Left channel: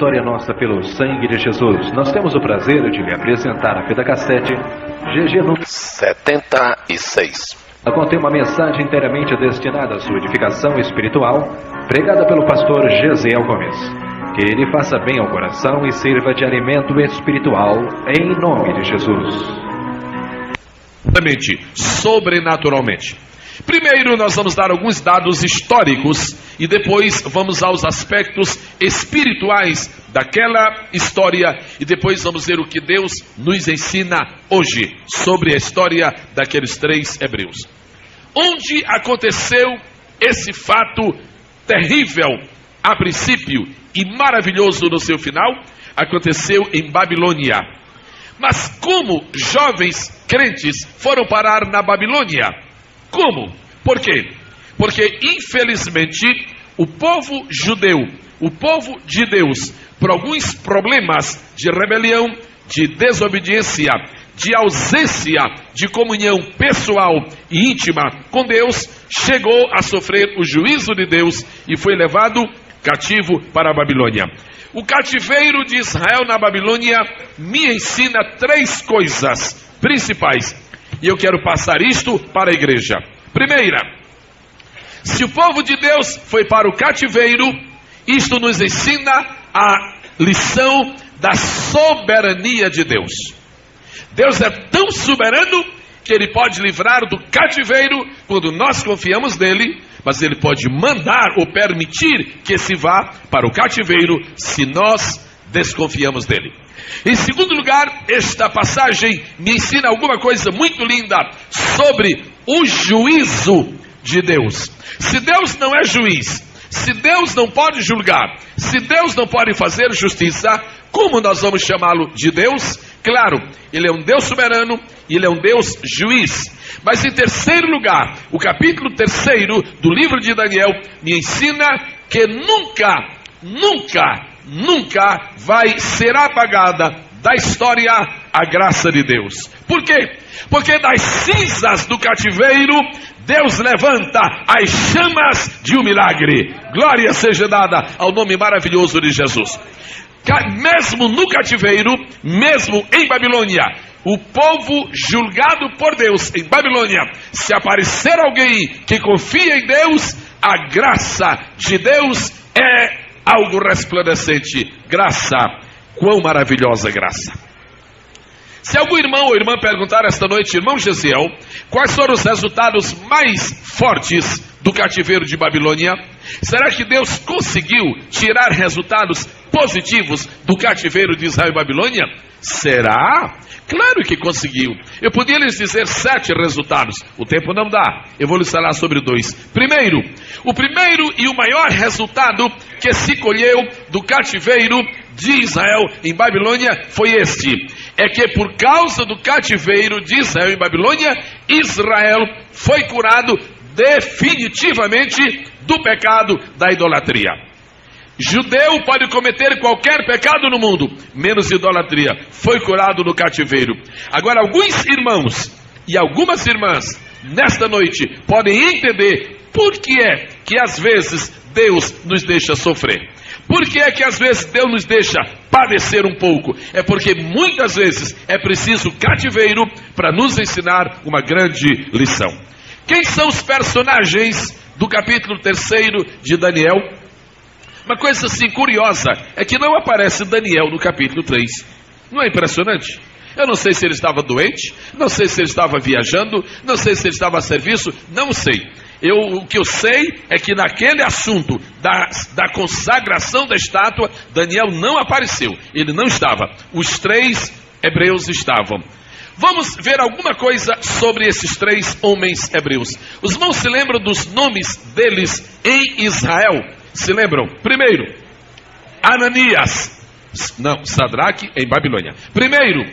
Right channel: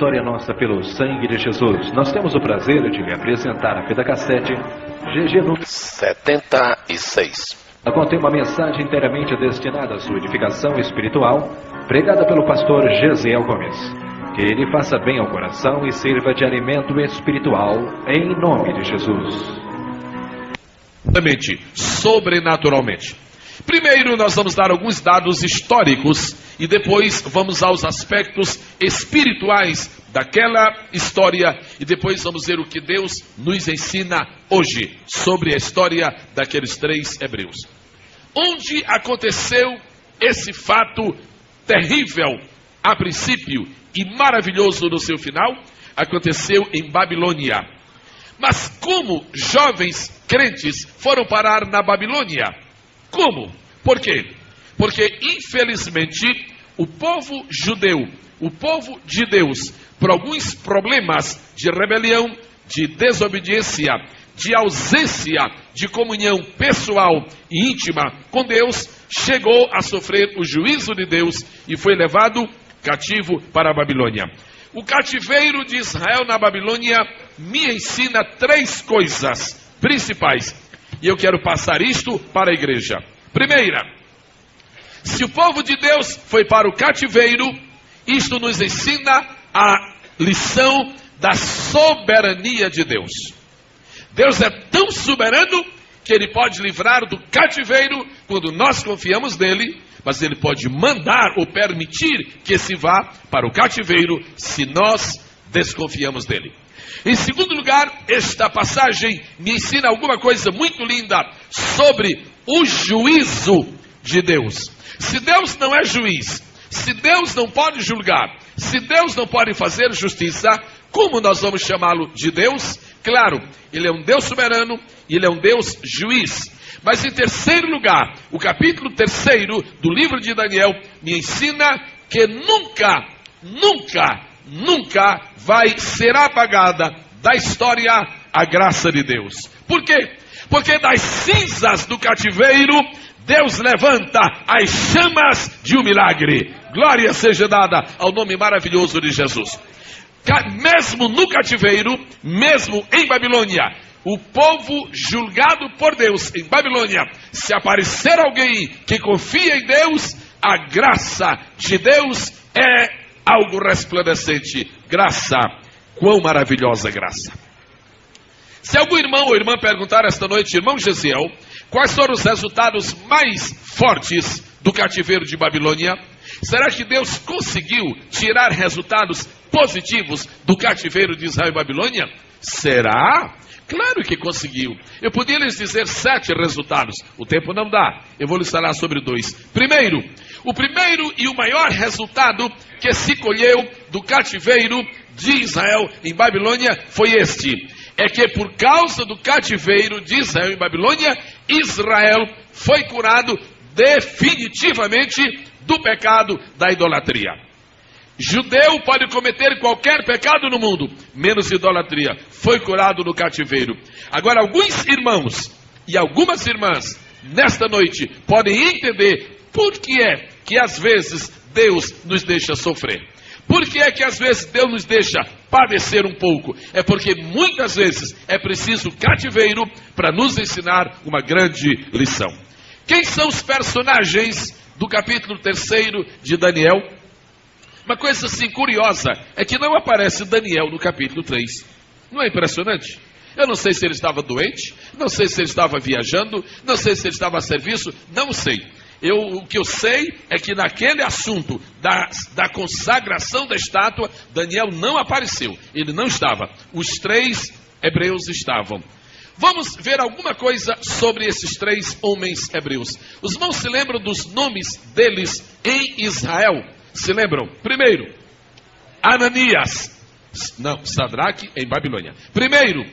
vitória nossa pelo sangue de Jesus. Nós temos o prazer de lhe apresentar a fita cassete GG número 76. Contém uma mensagem inteiramente destinada à sua edificação espiritual, pregada pelo pastor Gesiel Gomes. Que ele faça bem ao coração e sirva de alimento espiritual, em nome de Jesus. Sobrenaturalmente. Primeiro nós vamos dar alguns dados históricos e depois vamos aos aspectos espirituais daquela história e depois vamos ver o que Deus nos ensina hoje sobre a história daqueles 3 hebreus. Onde aconteceu esse fato terrível a princípio e maravilhoso no seu final? Aconteceu em Babilônia. Mas como jovens crentes foram parar na Babilônia? Como? Por quê? Porque infelizmente o povo judeu, o povo de Deus, por alguns problemas de rebelião, de desobediência, de ausência de comunhão pessoal e íntima com Deus, chegou a sofrer o juízo de Deus e foi levado cativo para a Babilônia. O cativeiro de Israel na Babilônia me ensina 3 coisas principais. E eu quero passar isto para a igreja. Primeira, se o povo de Deus foi para o cativeiro, isto nos ensina a lição da soberania de Deus. Deus é tão soberano que Ele pode livrar do cativeiro quando nós confiamos nele, mas Ele pode mandar ou permitir que se vá para o cativeiro se nós desconfiamos dele. Em segundo lugar, esta passagem me ensina alguma coisa muito linda sobre o juízo de Deus. Se Deus não é juiz, se Deus não pode julgar, se Deus não pode fazer justiça, como nós vamos chamá-lo de Deus? Claro, Ele é um Deus soberano e Ele é um Deus juiz. Mas em terceiro lugar, o capítulo 3º do livro de Daniel me ensina que nunca vai ser apagada da história a graça de Deus. Por quê? Porque das cinzas do cativeiro, Deus levanta as chamas de um milagre. Glória seja dada ao nome maravilhoso de Jesus. Mesmo no cativeiro, mesmo em Babilônia, o povo julgado por Deus em Babilônia, se aparecer alguém que confia em Deus, a graça de Deus é algo resplandecente. Graça, quão maravilhosa graça. Se algum irmão ou irmã perguntar esta noite, irmão Gesiel, quais foram os resultados mais fortes do cativeiro de Babilônia? Será que Deus conseguiu tirar resultados positivos do cativeiro de Israel e Babilônia? Será? Claro que conseguiu. Eu podia lhes dizer 7 resultados. O tempo não dá. Eu vou lhes falar sobre 2. Primeiro, o primeiro e o maior resultado que se colheu do cativeiro de Israel em Babilônia foi este. É que por causa do cativeiro de Israel em Babilônia, Israel foi curado definitivamente do pecado da idolatria. Judeu pode cometer qualquer pecado no mundo, menos idolatria. Foi curado no cativeiro. Agora, alguns irmãos e algumas irmãs, nesta noite, podem entender por que é que às vezes Deus nos deixa sofrer. Por que é que às vezes Deus nos deixa padecer um pouco? É porque muitas vezes é preciso cativeiro para nos ensinar uma grande lição. Quem são os personagens do capítulo 3º de Daniel? Uma coisa assim curiosa é que não aparece Daniel no capítulo 3. Não é impressionante? Eu não sei se ele estava doente, não sei se ele estava viajando, não sei se ele estava a serviço, não sei. O que eu sei é que naquele assunto da consagração da estátua, Daniel não apareceu. Ele não estava. Os 3 hebreus estavam. Vamos ver alguma coisa sobre esses 3 homens hebreus. Os irmãos se lembram dos nomes deles em Israel? Se lembram? Primeiro, Ananias. Não, Sadraque em Babilônia. Primeiro,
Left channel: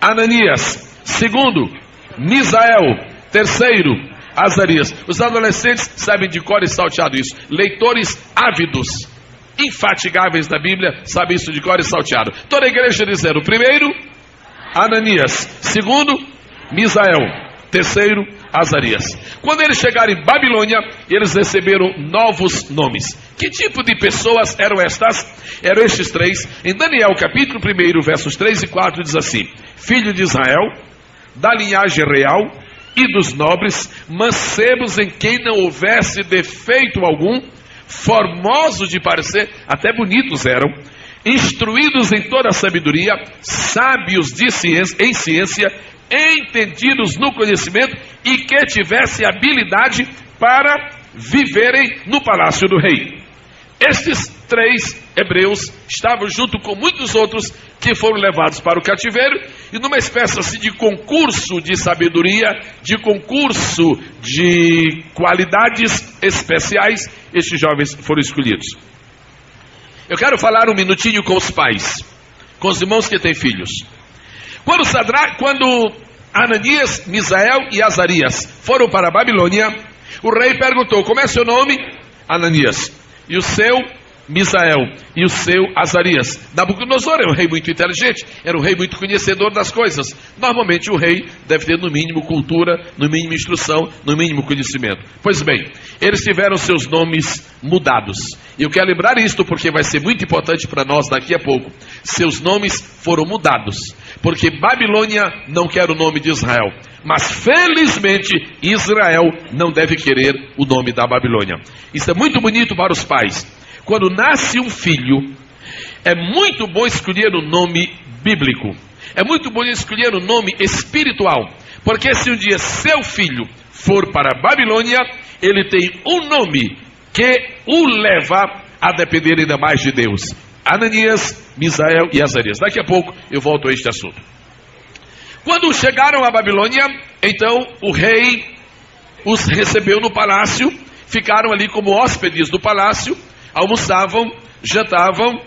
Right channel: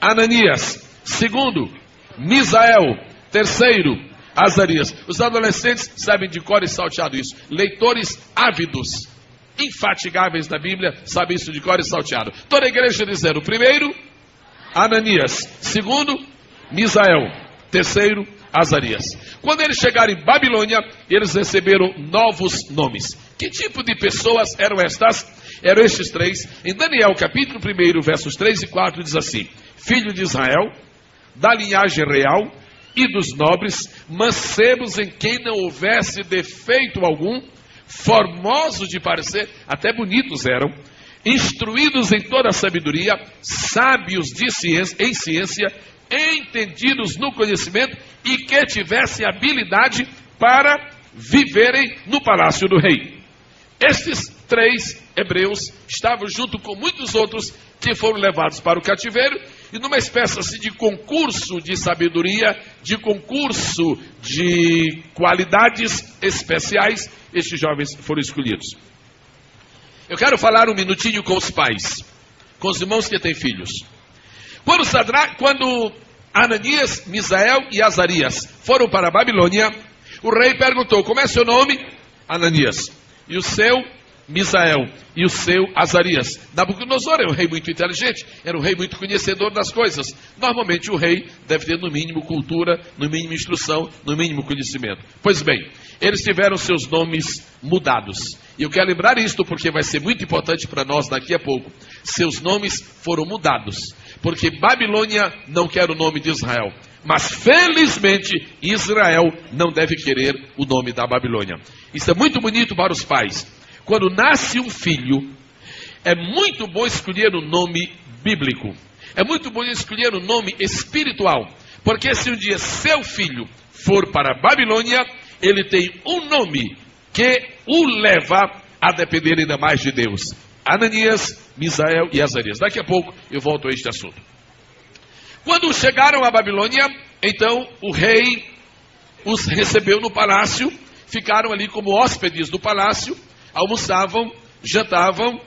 Ananias. Segundo, Misael. Terceiro, Azarias. Os adolescentes sabem de cor e salteado isso. Leitores ávidos, infatigáveis da Bíblia, sabem isso de cor e salteado. Toda a igreja dizendo: primeiro, Ananias. Segundo, Misael. Terceiro, Azarias. Quando eles chegaram em Babilônia, eles receberam novos nomes. Que tipo de pessoas eram estas? Eram estes três. Em Daniel capítulo 1, versos 3 e 4 diz assim: filho de Israel, da linhagem real e dos nobres, mancebos em quem não houvesse defeito algum, formosos de parecer, até bonitos eram, instruídos em toda a sabedoria, sábios em ciência, entendidos no conhecimento e que tivessem habilidade para viverem no palácio do rei. Estes três hebreus estavam junto com muitos outros que foram levados para o cativeiro, e numa espécie assim de concurso de sabedoria, de concurso de qualidades especiais, estes jovens foram escolhidos. Eu quero falar um minutinho com os pais, com os irmãos que têm filhos. Quando Ananias, Misael e Azarias foram para a Babilônia, o rei perguntou: como é seu nome? Ananias. E o seu? Misael. E o seu? Azarias. Nabucodonosor era um rei muito inteligente, era um rei muito conhecedor das coisas. Normalmente o rei deve ter no mínimo cultura, no mínimo instrução, no mínimo conhecimento. Pois bem, eles tiveram seus nomes mudados. E eu quero lembrar isto porque vai ser muito importante para nós daqui a pouco. Seus nomes foram mudados, porque Babilônia não quer o nome de Israel. Mas felizmente Israel não deve querer o nome da Babilônia. Isso é muito bonito para os pais. Quando nasce um filho, é muito bom escolher um nome bíblico. É muito bom escolher um nome espiritual. Porque se um dia seu filho for para a Babilônia, ele tem um nome que o leva a depender ainda mais de Deus. Ananias, Misael e Azarias. Daqui a pouco eu volto a este assunto. Quando chegaram à Babilônia, então o rei os recebeu no palácio, ficaram ali como hóspedes do palácio, almoçavam, jantavam,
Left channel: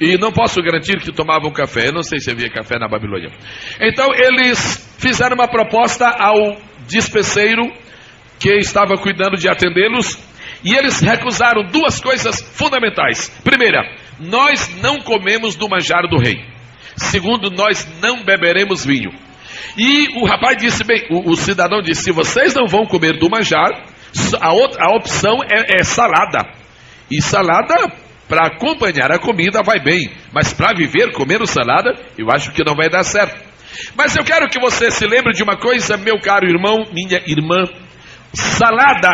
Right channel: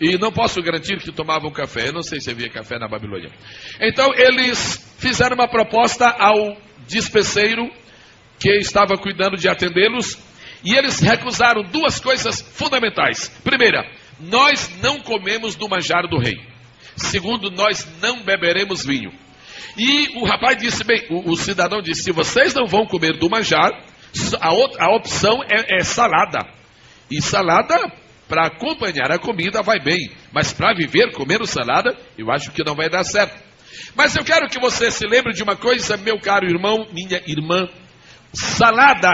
e não posso garantir que tomavam café. Eu não sei se havia café na Babilônia. Então eles fizeram uma proposta ao despeceiro que estava cuidando de atendê-los, e eles recusaram duas coisas fundamentais. Primeira, nós não comemos do manjar do rei. Segundo, nós não beberemos vinho. E o rapaz disse, bem, o cidadão disse: se vocês não vão comer do manjar, a opção é salada. E salada, para acompanhar a comida, vai bem. Mas para viver comendo salada, eu acho que não vai dar certo. Mas eu quero que você se lembre de uma coisa, meu caro irmão, minha irmã: salada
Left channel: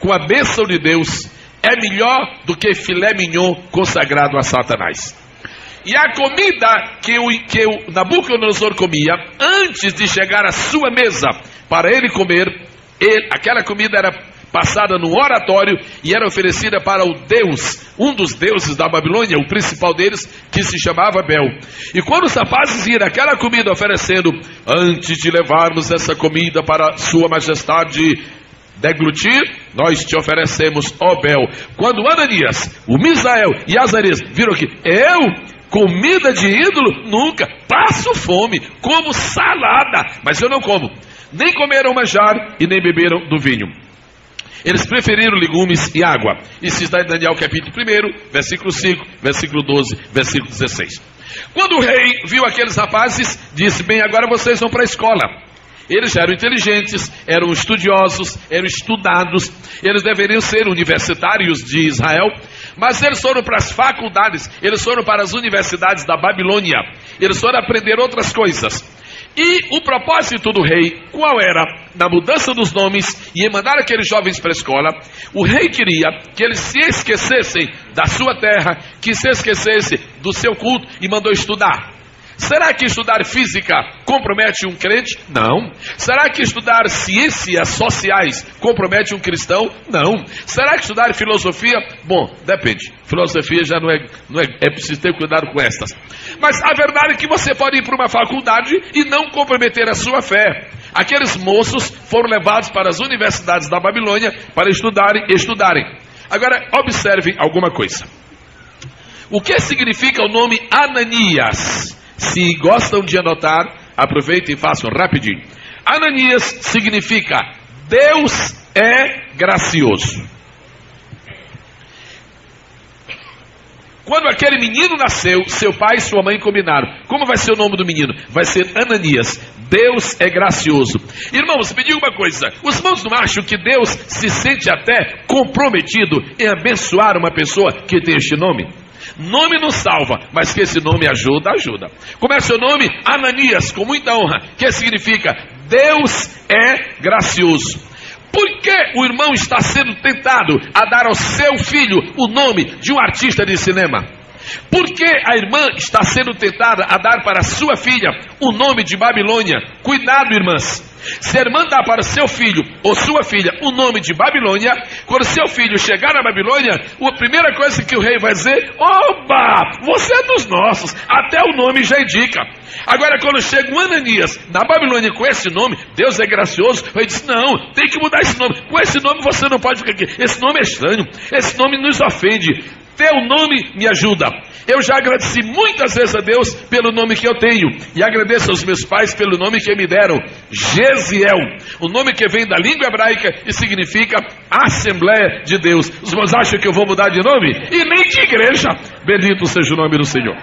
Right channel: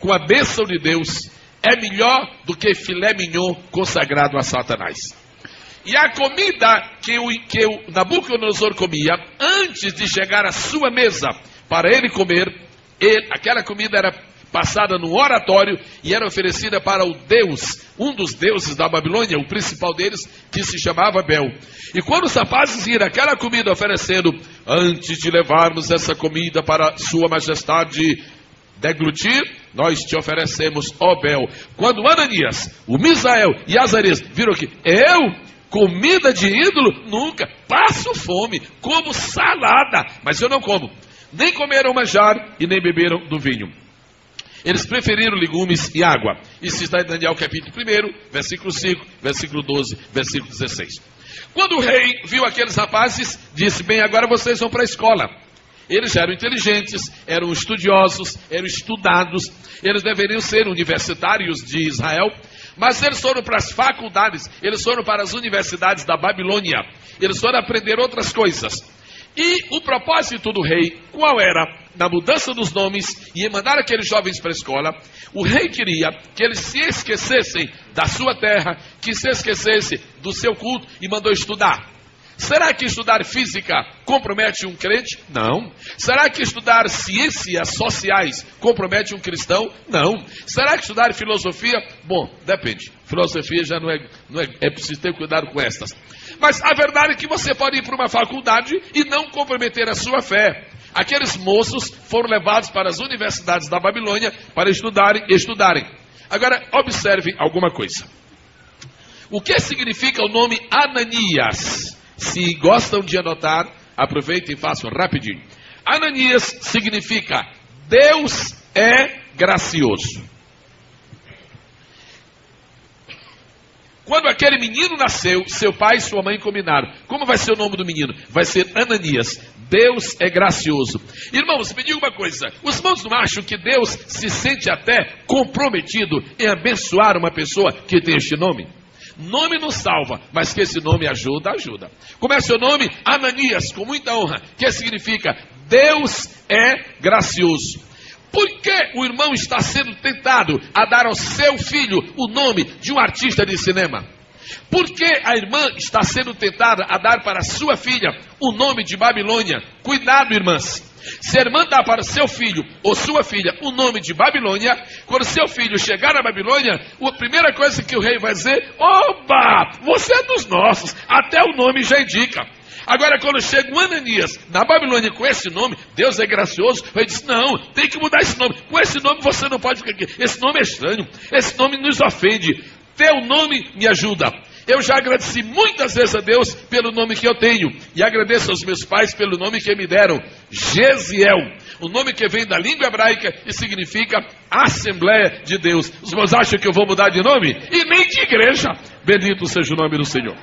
com a bênção de Deus é melhor do que filé mignon consagrado a Satanás. E a comida que o Nabucodonosor comia, antes de chegar à sua mesa para ele comer, aquela comida era passada no oratório e era oferecida para o Deus, um dos deuses da Babilônia, o principal deles, que se chamava Bel. E quando os rapazes viram aquela comida oferecendo: antes de levarmos essa comida para sua majestade deglutir, nós te oferecemos, ó Bel. Quando Ananias, o Misael e Azarias viram que comida de ídolo, nunca, passo fome, como salada, mas eu não como. Nem comeram manjar e nem beberam do vinho. Eles preferiram legumes e água. Isso está em Daniel capítulo 1, versículo 5, versículo 12, versículo 16. Quando o rei viu aqueles rapazes, disse: bem, agora vocês vão para a escola. Eles já eram inteligentes, eram estudiosos, eram estudados, eles deveriam ser universitários de Israel, mas eles foram para as faculdades, eles foram para as universidades da Babilônia, eles foram aprender outras coisas. E o propósito do rei, qual era? Na mudança dos nomes e em mandar aqueles jovens para a escola, o rei queria que eles se esquecessem da sua terra, que se esquecessem do seu culto, e mandou estudar. Será que estudar física compromete um crente? Não. Será que estudar ciências sociais compromete um cristão? Não. Será que estudar filosofia? Bom, depende. Filosofia já não é preciso ter cuidado com estas. Mas a verdade é que você pode ir para uma faculdade e não comprometer a sua fé. Aqueles moços foram levados para as universidades da Babilônia para estudarem. Agora, observem alguma coisa. O que significa o nome Ananias? Se gostam de anotar, aproveitem e façam rapidinho. Ananias significa Deus é gracioso. Quando aquele menino nasceu, seu pai e sua mãe combinaram: como vai ser o nome do menino? Vai ser Ananias. Deus é gracioso. Irmãos, me diga uma coisa: os irmãos não acham que Deus se sente até comprometido em abençoar uma pessoa que tem este nome? Nome não salva, mas que esse nome ajuda, ajuda. Como é seu nome? Ananias, com muita honra, que significa Deus é gracioso. Por que o irmão está sendo tentado a dar ao seu filho o nome de um artista de cinema? Por que a irmã está sendo tentada a dar para sua filha o nome de Babilônia? Cuidado, irmãs. Se a irmã dá para seu filho ou sua filha o nome de Babilônia, quando seu filho chegar na Babilônia, a primeira coisa que o rei vai dizer: oba, você é dos nossos, até o nome já indica. Agora, quando chega um Ananias na Babilônia com esse nome, Deus é gracioso, ele diz: não, tem que mudar esse nome. Com esse nome você não pode ficar aqui, esse nome é estranho, esse nome nos ofende, teu nome me ajuda. Eu já agradeci muitas vezes a Deus pelo nome que eu tenho, e agradeço aos meus pais pelo nome que me deram, Gesiel, o nome que vem da língua hebraica e significa Assembleia de Deus. Os irmãos acham que eu vou mudar de nome? E nem de igreja. Bendito seja o nome do Senhor.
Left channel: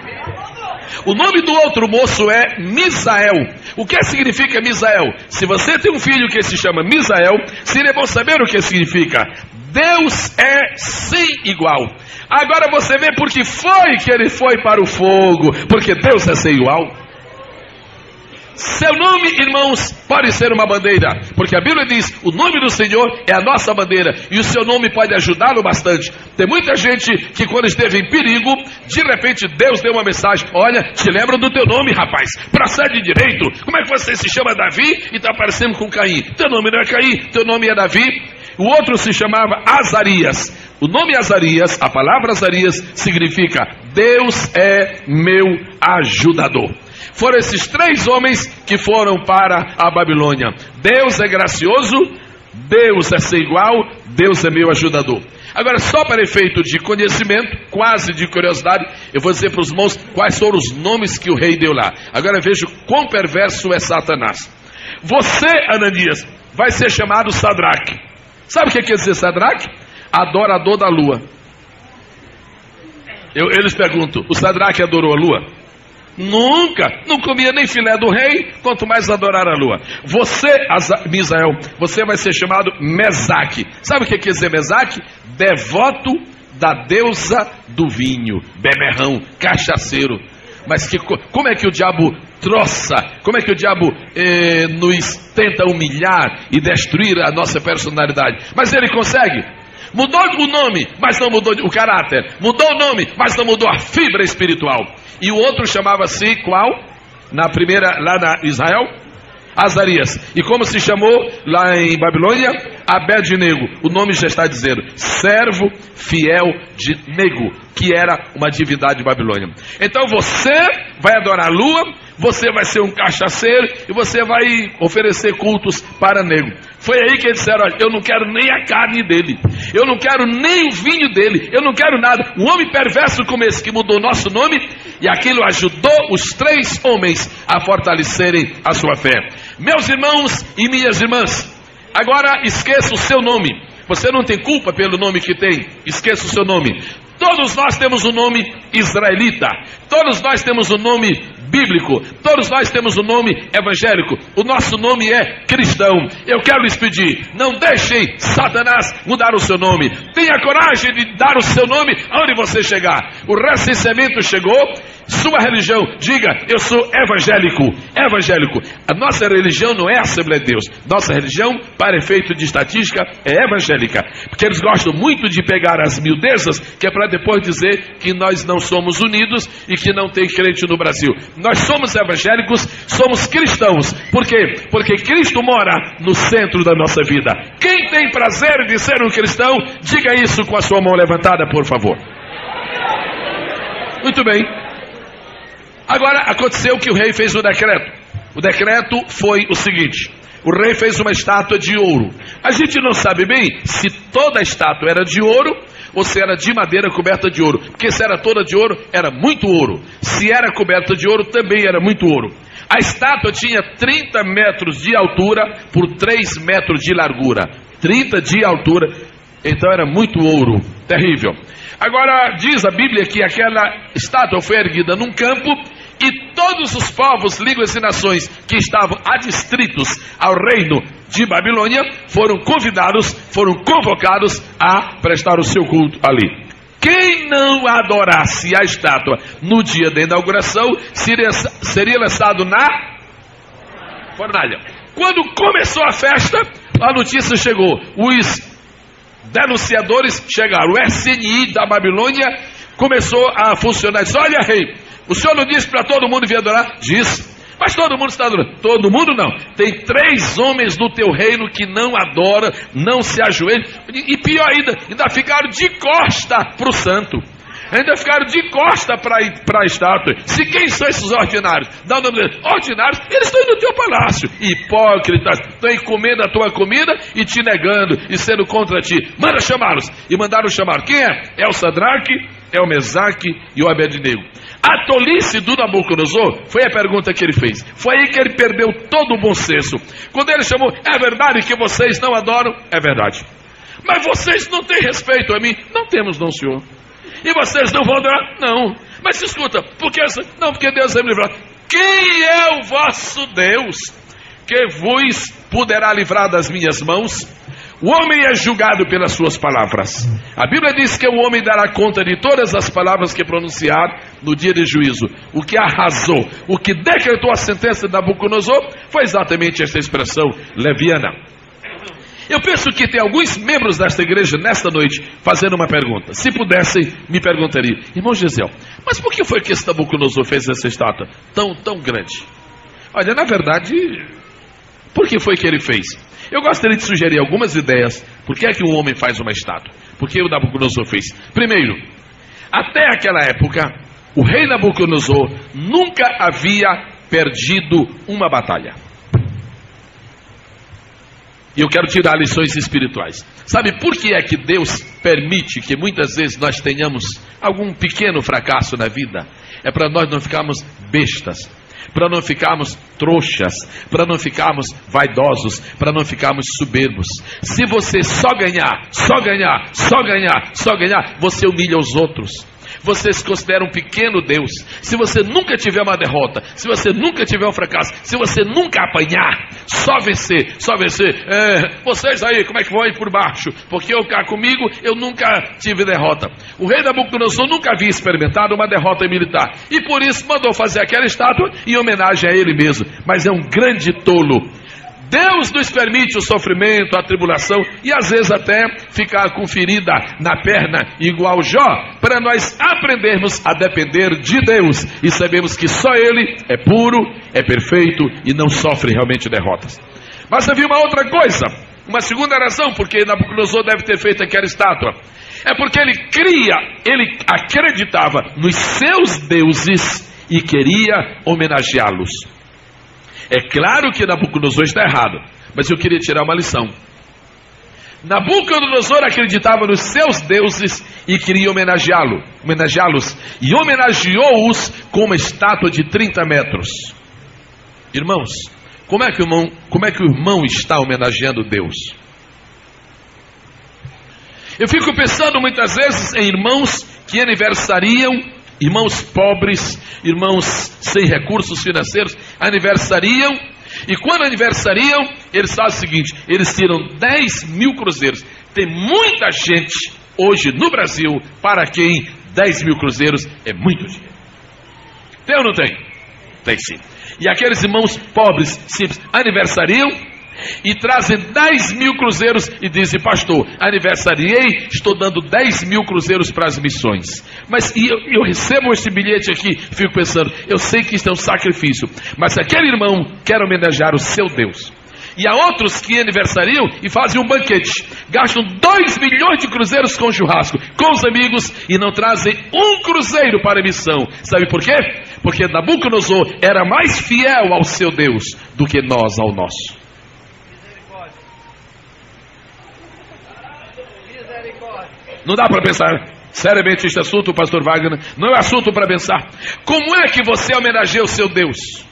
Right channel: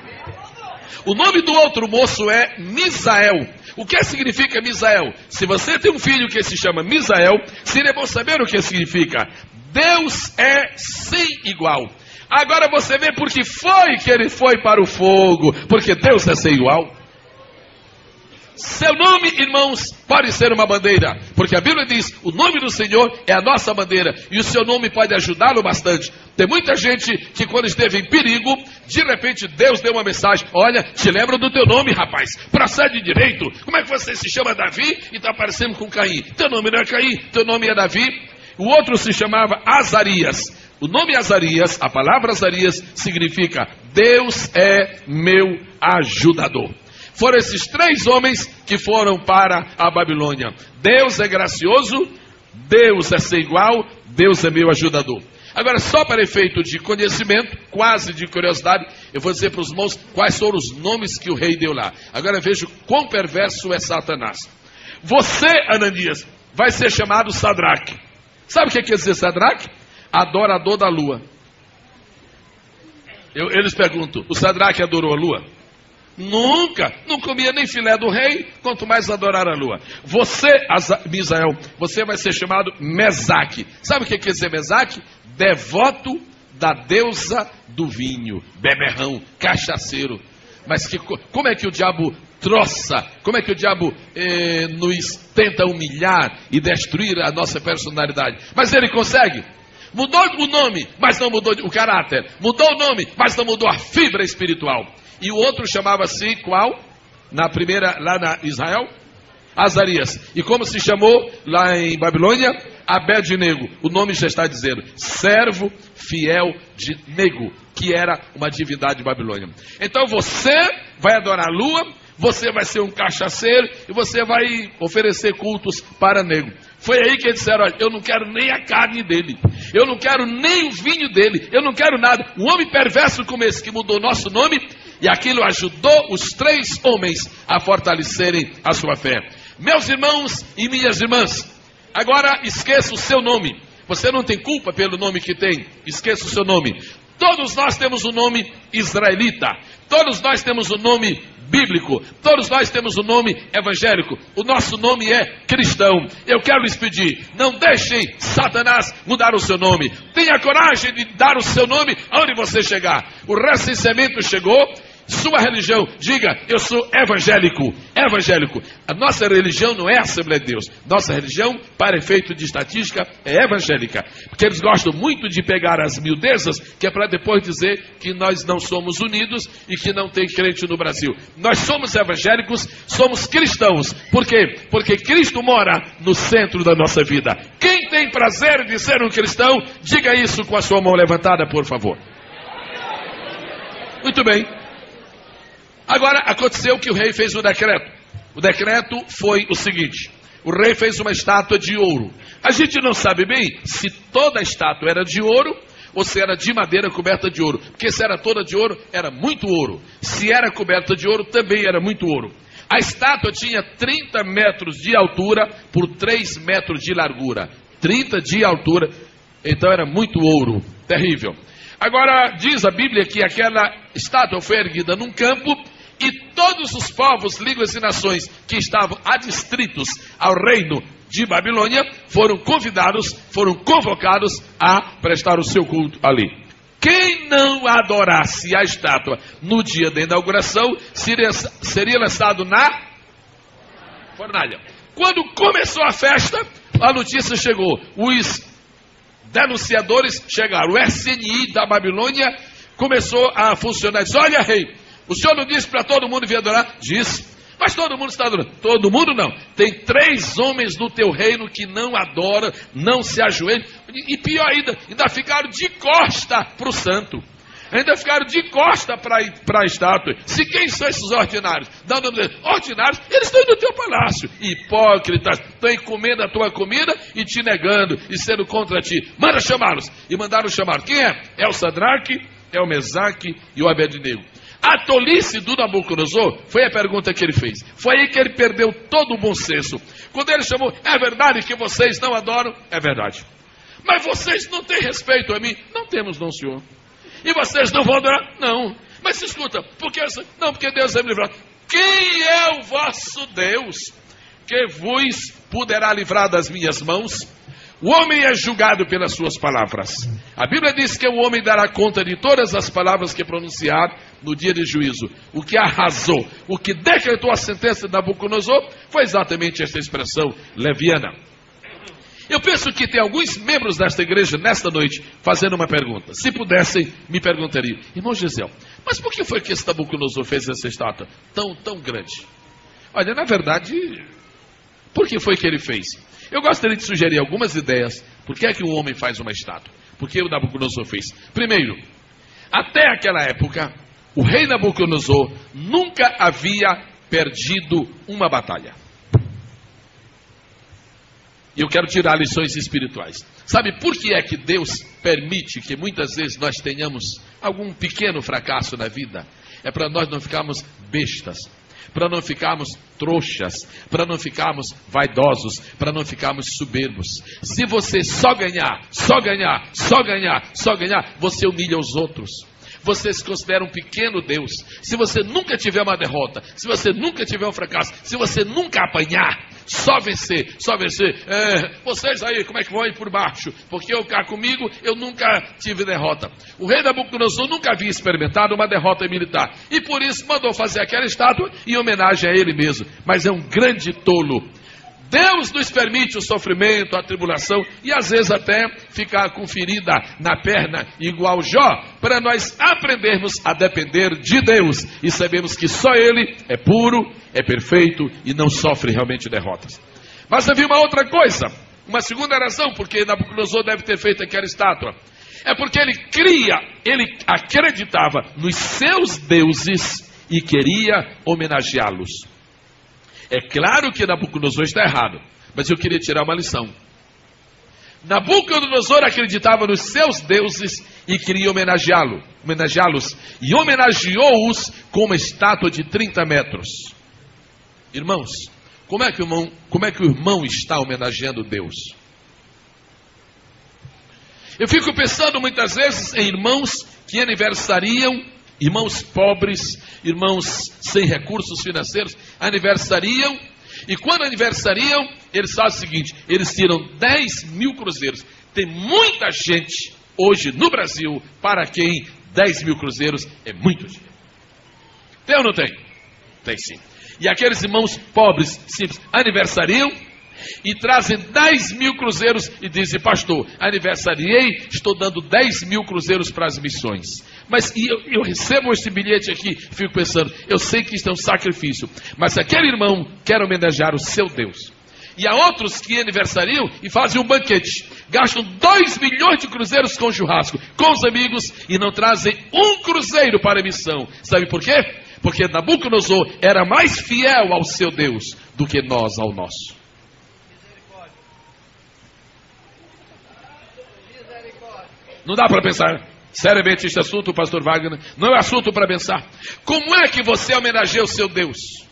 O nome do outro moço é Misael. O que significa Misael? Se você tem um filho que se chama Misael, seria bom saber o que significa. Deus é sem igual. Agora você vê por que foi que ele foi para o fogo, porque Deus é sem igual. Seu nome, irmãos, pode ser uma bandeira, porque a Bíblia diz: o nome do Senhor é a nossa bandeira, e o seu nome pode ajudá-lo bastante. Tem muita gente que quando esteve em perigo, de repente Deus deu uma mensagem: olha, te lembra do teu nome, rapaz, procede direito. Como é que você se chama Davi e está parecendo com Caim? Teu nome não é Caim, teu nome é Davi. O outro se chamava Azarias. O nome Azarias, a palavra Azarias, significa Deus é meu ajudador. Foram esses três homens que foram para a Babilônia. Deus é gracioso, Deus é sem igual, Deus é meu ajudador. Agora, só para efeito de conhecimento, quase de curiosidade, eu vou dizer para os irmãos quais foram os nomes que o rei deu lá. Agora veja quão perverso é Satanás. Você, Ananias, vai ser chamado Sadraque. Sabe o que quer dizer Sadraque? Adorador da lua. Eles perguntam: o Sadraque adorou a lua? Nunca, não comia nem filé do rei, quanto mais adorar a lua. Você, Misael, você vai ser chamado Mesaque. Sabe o que quer dizer Mesaque? Devoto da deusa do vinho, beberrão, cachaceiro. Mas como é que o diabo troça, como é que o diabo nos tenta humilhar e destruir a nossa personalidade? Mas ele consegue. Mudou o nome, mas não mudou o caráter. Mudou o nome, mas não mudou a fibra espiritual. E o outro chamava-se qual? Na primeira, lá na Israel? Azarias. E como se chamou lá em Babilônia? Abed-nego. O nome já está dizendo: servo fiel de Nego, que era uma divindade de Babilônia. Então você vai adorar a lua, você vai ser um cachaceiro e você vai oferecer cultos para Nego. Foi aí que eles disseram: olha, eu não quero nem a carne dele, eu não quero nem o vinho dele, eu não quero nada. Um homem perverso como esse que mudou nosso nome, e aquilo ajudou os três homens a fortalecerem a sua fé. Meus irmãos e minhas irmãs, agora esqueça o seu nome. Você não tem culpa pelo nome que tem, esqueça o seu nome. Todos nós temos um nome israelita, todos nós temos um nome bíblico, todos nós temos um nome evangélico, o nosso nome é cristão. Eu quero lhes pedir: não deixem Satanás mudar o seu nome, tenha coragem de dar o seu nome aonde você chegar. O recenseamento chegou, sua religião, diga: eu sou evangélico. Evangélico. A nossa religião não é a Assembleia de Deus, nossa religião, para efeito de estatística, é evangélica, porque eles gostam muito de pegar as miudezas, que é para depois dizer que nós não somos unidos e que não tem crente no Brasil. Nós somos evangélicos, somos cristãos. Por quê? Porque Cristo mora no centro da nossa vida. Quem tem prazer de ser um cristão, diga isso com a sua mão levantada, por favor. Muito bem. Agora aconteceu que o rei fez o decreto. O decreto foi o seguinte: o rei fez uma estátua de ouro. A gente não sabe bem se toda a estátua era de ouro ou se era de madeira coberta de ouro. Porque se era toda de ouro, era muito ouro. Se era coberta de ouro, também era muito ouro. A estátua tinha 30 metros de altura por 3 metros de largura. 30 de altura, então era muito ouro. Terrível. Agora, diz a Bíblia que aquela estátua foi erguida num campo E todos os povos, línguas e nações que estavam adstritos ao reino de Babilônia foram convidados, foram convocados a prestar o seu culto ali. Quem não adorasse a estátua no dia da inauguração seria lançado na fornalha. Quando começou a festa, a notícia chegou. Os denunciadores chegaram. O SNI da Babilônia começou a funcionar. Disse: olha, rei, o senhor não disse para todo mundo vir adorar? Disse. Mas todo mundo está adorando. Todo mundo não. Tem 3 homens no teu reino que não adoram, não se ajoelham. E pior ainda ficaram de costa para o santo. Ainda ficaram de costa para a estátua. Se quem são esses ordinários? Dá o nome deles. Ordinários, eles estão indo no teu palácio. Hipócritas, estão comendo a tua comida e te negando e sendo contra ti. Manda chamá-los. E mandaram chamar. Quem é? É o Sadraque, é o Mesaque e o Abednego. A tolice do Nabucodonosor foi a pergunta que ele fez. Foi aí que ele perdeu todo o bom senso. Quando ele chamou: é verdade que vocês não adoram? É verdade. Mas vocês não têm respeito a mim? Não temos, não, senhor. E vocês não vão adorar? Não. Mas escuta, porque Deus vai me livrar. Quem é o vosso Deus que vos poderá livrar das minhas mãos? O homem é julgado pelas suas palavras. A Bíblia diz que o homem dará conta de todas as palavras que pronunciar no dia de juízo. O que arrasou, o que decretou a sentença de Nabucodonosor foi exatamente esta expressão leviana. Eu penso que tem alguns membros desta igreja nesta noite fazendo uma pergunta. Se pudessem, me perguntariam: irmão Gesiel, mas por que foi que esse Nabucodonosor fez essa estátua tão grande? Olha, na verdade, por que foi que ele fez? Eu gostaria de sugerir algumas ideias. Por que é que um homem faz uma estátua? Por que o Nabucodonosor fez? Primeiro, até aquela época, o rei Nabucodonosor nunca havia perdido uma batalha. E eu quero tirar lições espirituais. Sabe por que é que Deus permite que muitas vezes nós tenhamos algum pequeno fracasso na vida? É para nós não ficarmos bestas, para não ficarmos trouxas, para não ficarmos vaidosos, para não ficarmos soberbos. Se você só ganhar, você humilha os outros. Você se considera um pequeno Deus. Se você nunca tiver uma derrota, se você nunca tiver um fracasso, se você nunca apanhar, só vencer. Vocês aí, como é que vão ir por baixo? Porque eu cá comigo, eu nunca tive derrota. O rei Nabucodonosor nunca havia experimentado uma derrota militar, e por isso mandou fazer aquela estátua em homenagem a ele mesmo. Mas é um grande tolo. Deus nos permite o sofrimento, a tribulação e às vezes até ficar com ferida na perna igual Jó, para nós aprendermos a depender de Deus e sabemos que só Ele é puro, é perfeito e não sofre realmente derrotas. Mas havia uma outra coisa, uma segunda razão porque Nabucodonosor deve ter feito aquela estátua. É porque ele acreditava nos seus deuses e queria homenageá-los. É claro que Nabucodonosor está errado, mas eu queria tirar uma lição. Nabucodonosor acreditava nos seus deuses e queria homenageá-los, e homenageou-os com uma estátua de 30 metros. Irmãos, como é que o irmão está homenageando Deus? Eu fico pensando muitas vezes em irmãos que aniversariam, irmãos pobres, irmãos sem recursos financeiros, aniversariam, e quando aniversariam, eles fazem o seguinte: eles tiram 10 mil cruzeiros. Tem muita gente hoje no Brasil para quem 10 mil cruzeiros é muito dinheiro. Tem ou não tem? Tem sim. E aqueles irmãos pobres, simples, aniversariam e trazem 10 mil cruzeiros e dizem: pastor, aniversariei, estou dando 10 mil cruzeiros para as missões. Mas eu recebo esse bilhete aqui, fico pensando, eu sei que isso é um sacrifício, mas se aquele irmão quer homenagear o seu Deus, e há outros que aniversariam e fazem um banquete, gastam 2 milhões de cruzeiros com churrasco, com os amigos, e não trazem um cruzeiro para a missão. Sabe por quê? Porque Nabucodonosor era mais fiel ao seu Deus do que nós ao nosso. Não dá para pensar seriamente este assunto, pastor Wagner. Não é assunto para pensar. Como é que você homenageia o seu Deus?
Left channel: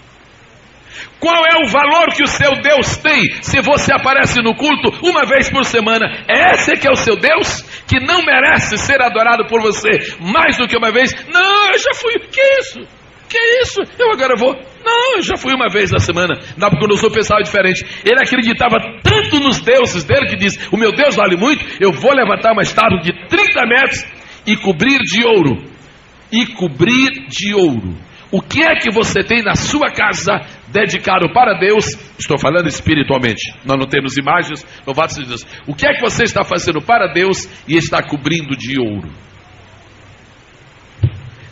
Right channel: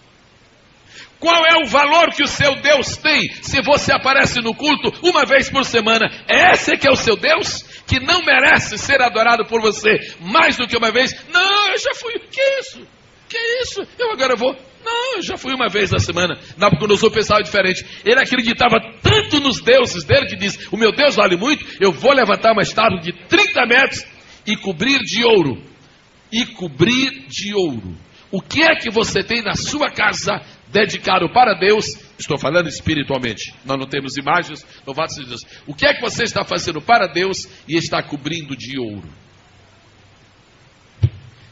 Qual é o valor que o seu Deus tem se você aparece no culto uma vez por semana? É esse que é o seu Deus? Que não merece ser adorado por você mais do que uma vez? Não, eu já fui. O que é isso? Que é isso? Eu agora vou. Não, eu já fui uma vez na semana. Nabucodonosor pensava diferente. Ele acreditava tanto nos deuses dele que diz: o meu Deus vale muito, eu vou levantar uma estátua de 30 metros e cobrir de ouro. E cobrir de ouro. O que é que você tem na sua casa dedicado para Deus? Estou falando espiritualmente. Nós não temos imagens, louvado seja Deus. O que é que você está fazendo para Deus e está cobrindo de ouro?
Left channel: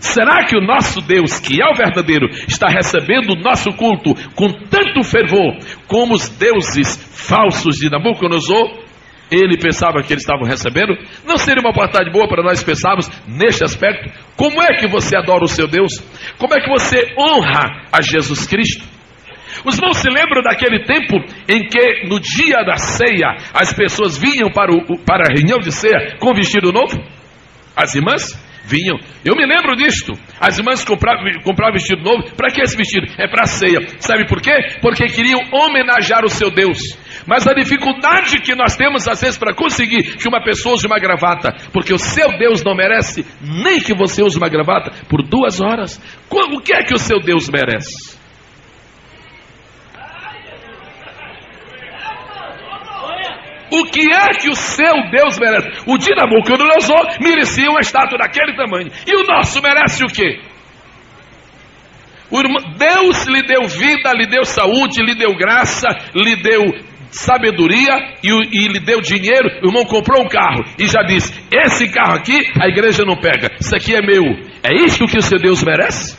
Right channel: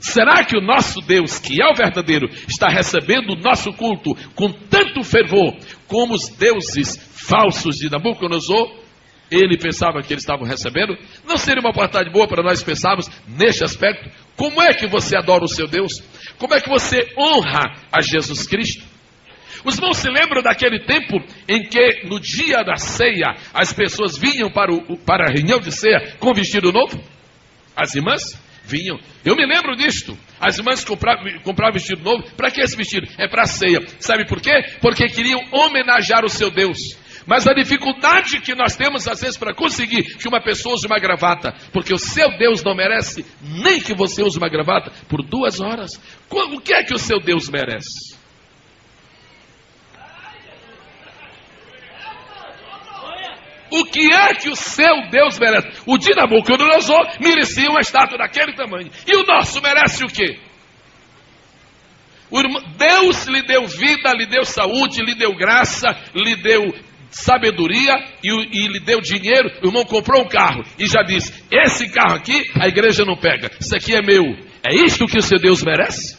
Será que o nosso Deus, que é o verdadeiro, está recebendo o nosso culto com tanto fervor como os deuses falsos de Nabucodonosor? Ele pensava que eles estavam recebendo. Não seria uma oportunidade boa para nós pensarmos neste aspecto? Como é que você adora o seu Deus? Como é que você honra a Jesus Cristo? Os irmãos se lembram daquele tempo em que no dia da ceia as pessoas vinham para a reunião de ceia com vestido novo? As irmãs vinham. Eu me lembro disto. As irmãs compravam vestido novo. Para que esse vestido? É para a ceia. Sabe por quê? Porque queriam homenagear o seu Deus. Mas a dificuldade que nós temos às vezes para conseguir que uma pessoa use uma gravata, porque o seu Deus não merece nem que você use uma gravata por 2 horas. O que é que o seu Deus merece? O que é que o seu Deus merece? O de Nabucodonosor merecia uma estátua daquele tamanho. E o nosso merece o quê? Deus lhe deu vida, lhe deu saúde, lhe deu graça, lhe deu sabedoria e lhe deu dinheiro. O irmão comprou um carro e já disse: esse carro aqui a igreja não pega, isso aqui é meu. É isto que o seu Deus merece?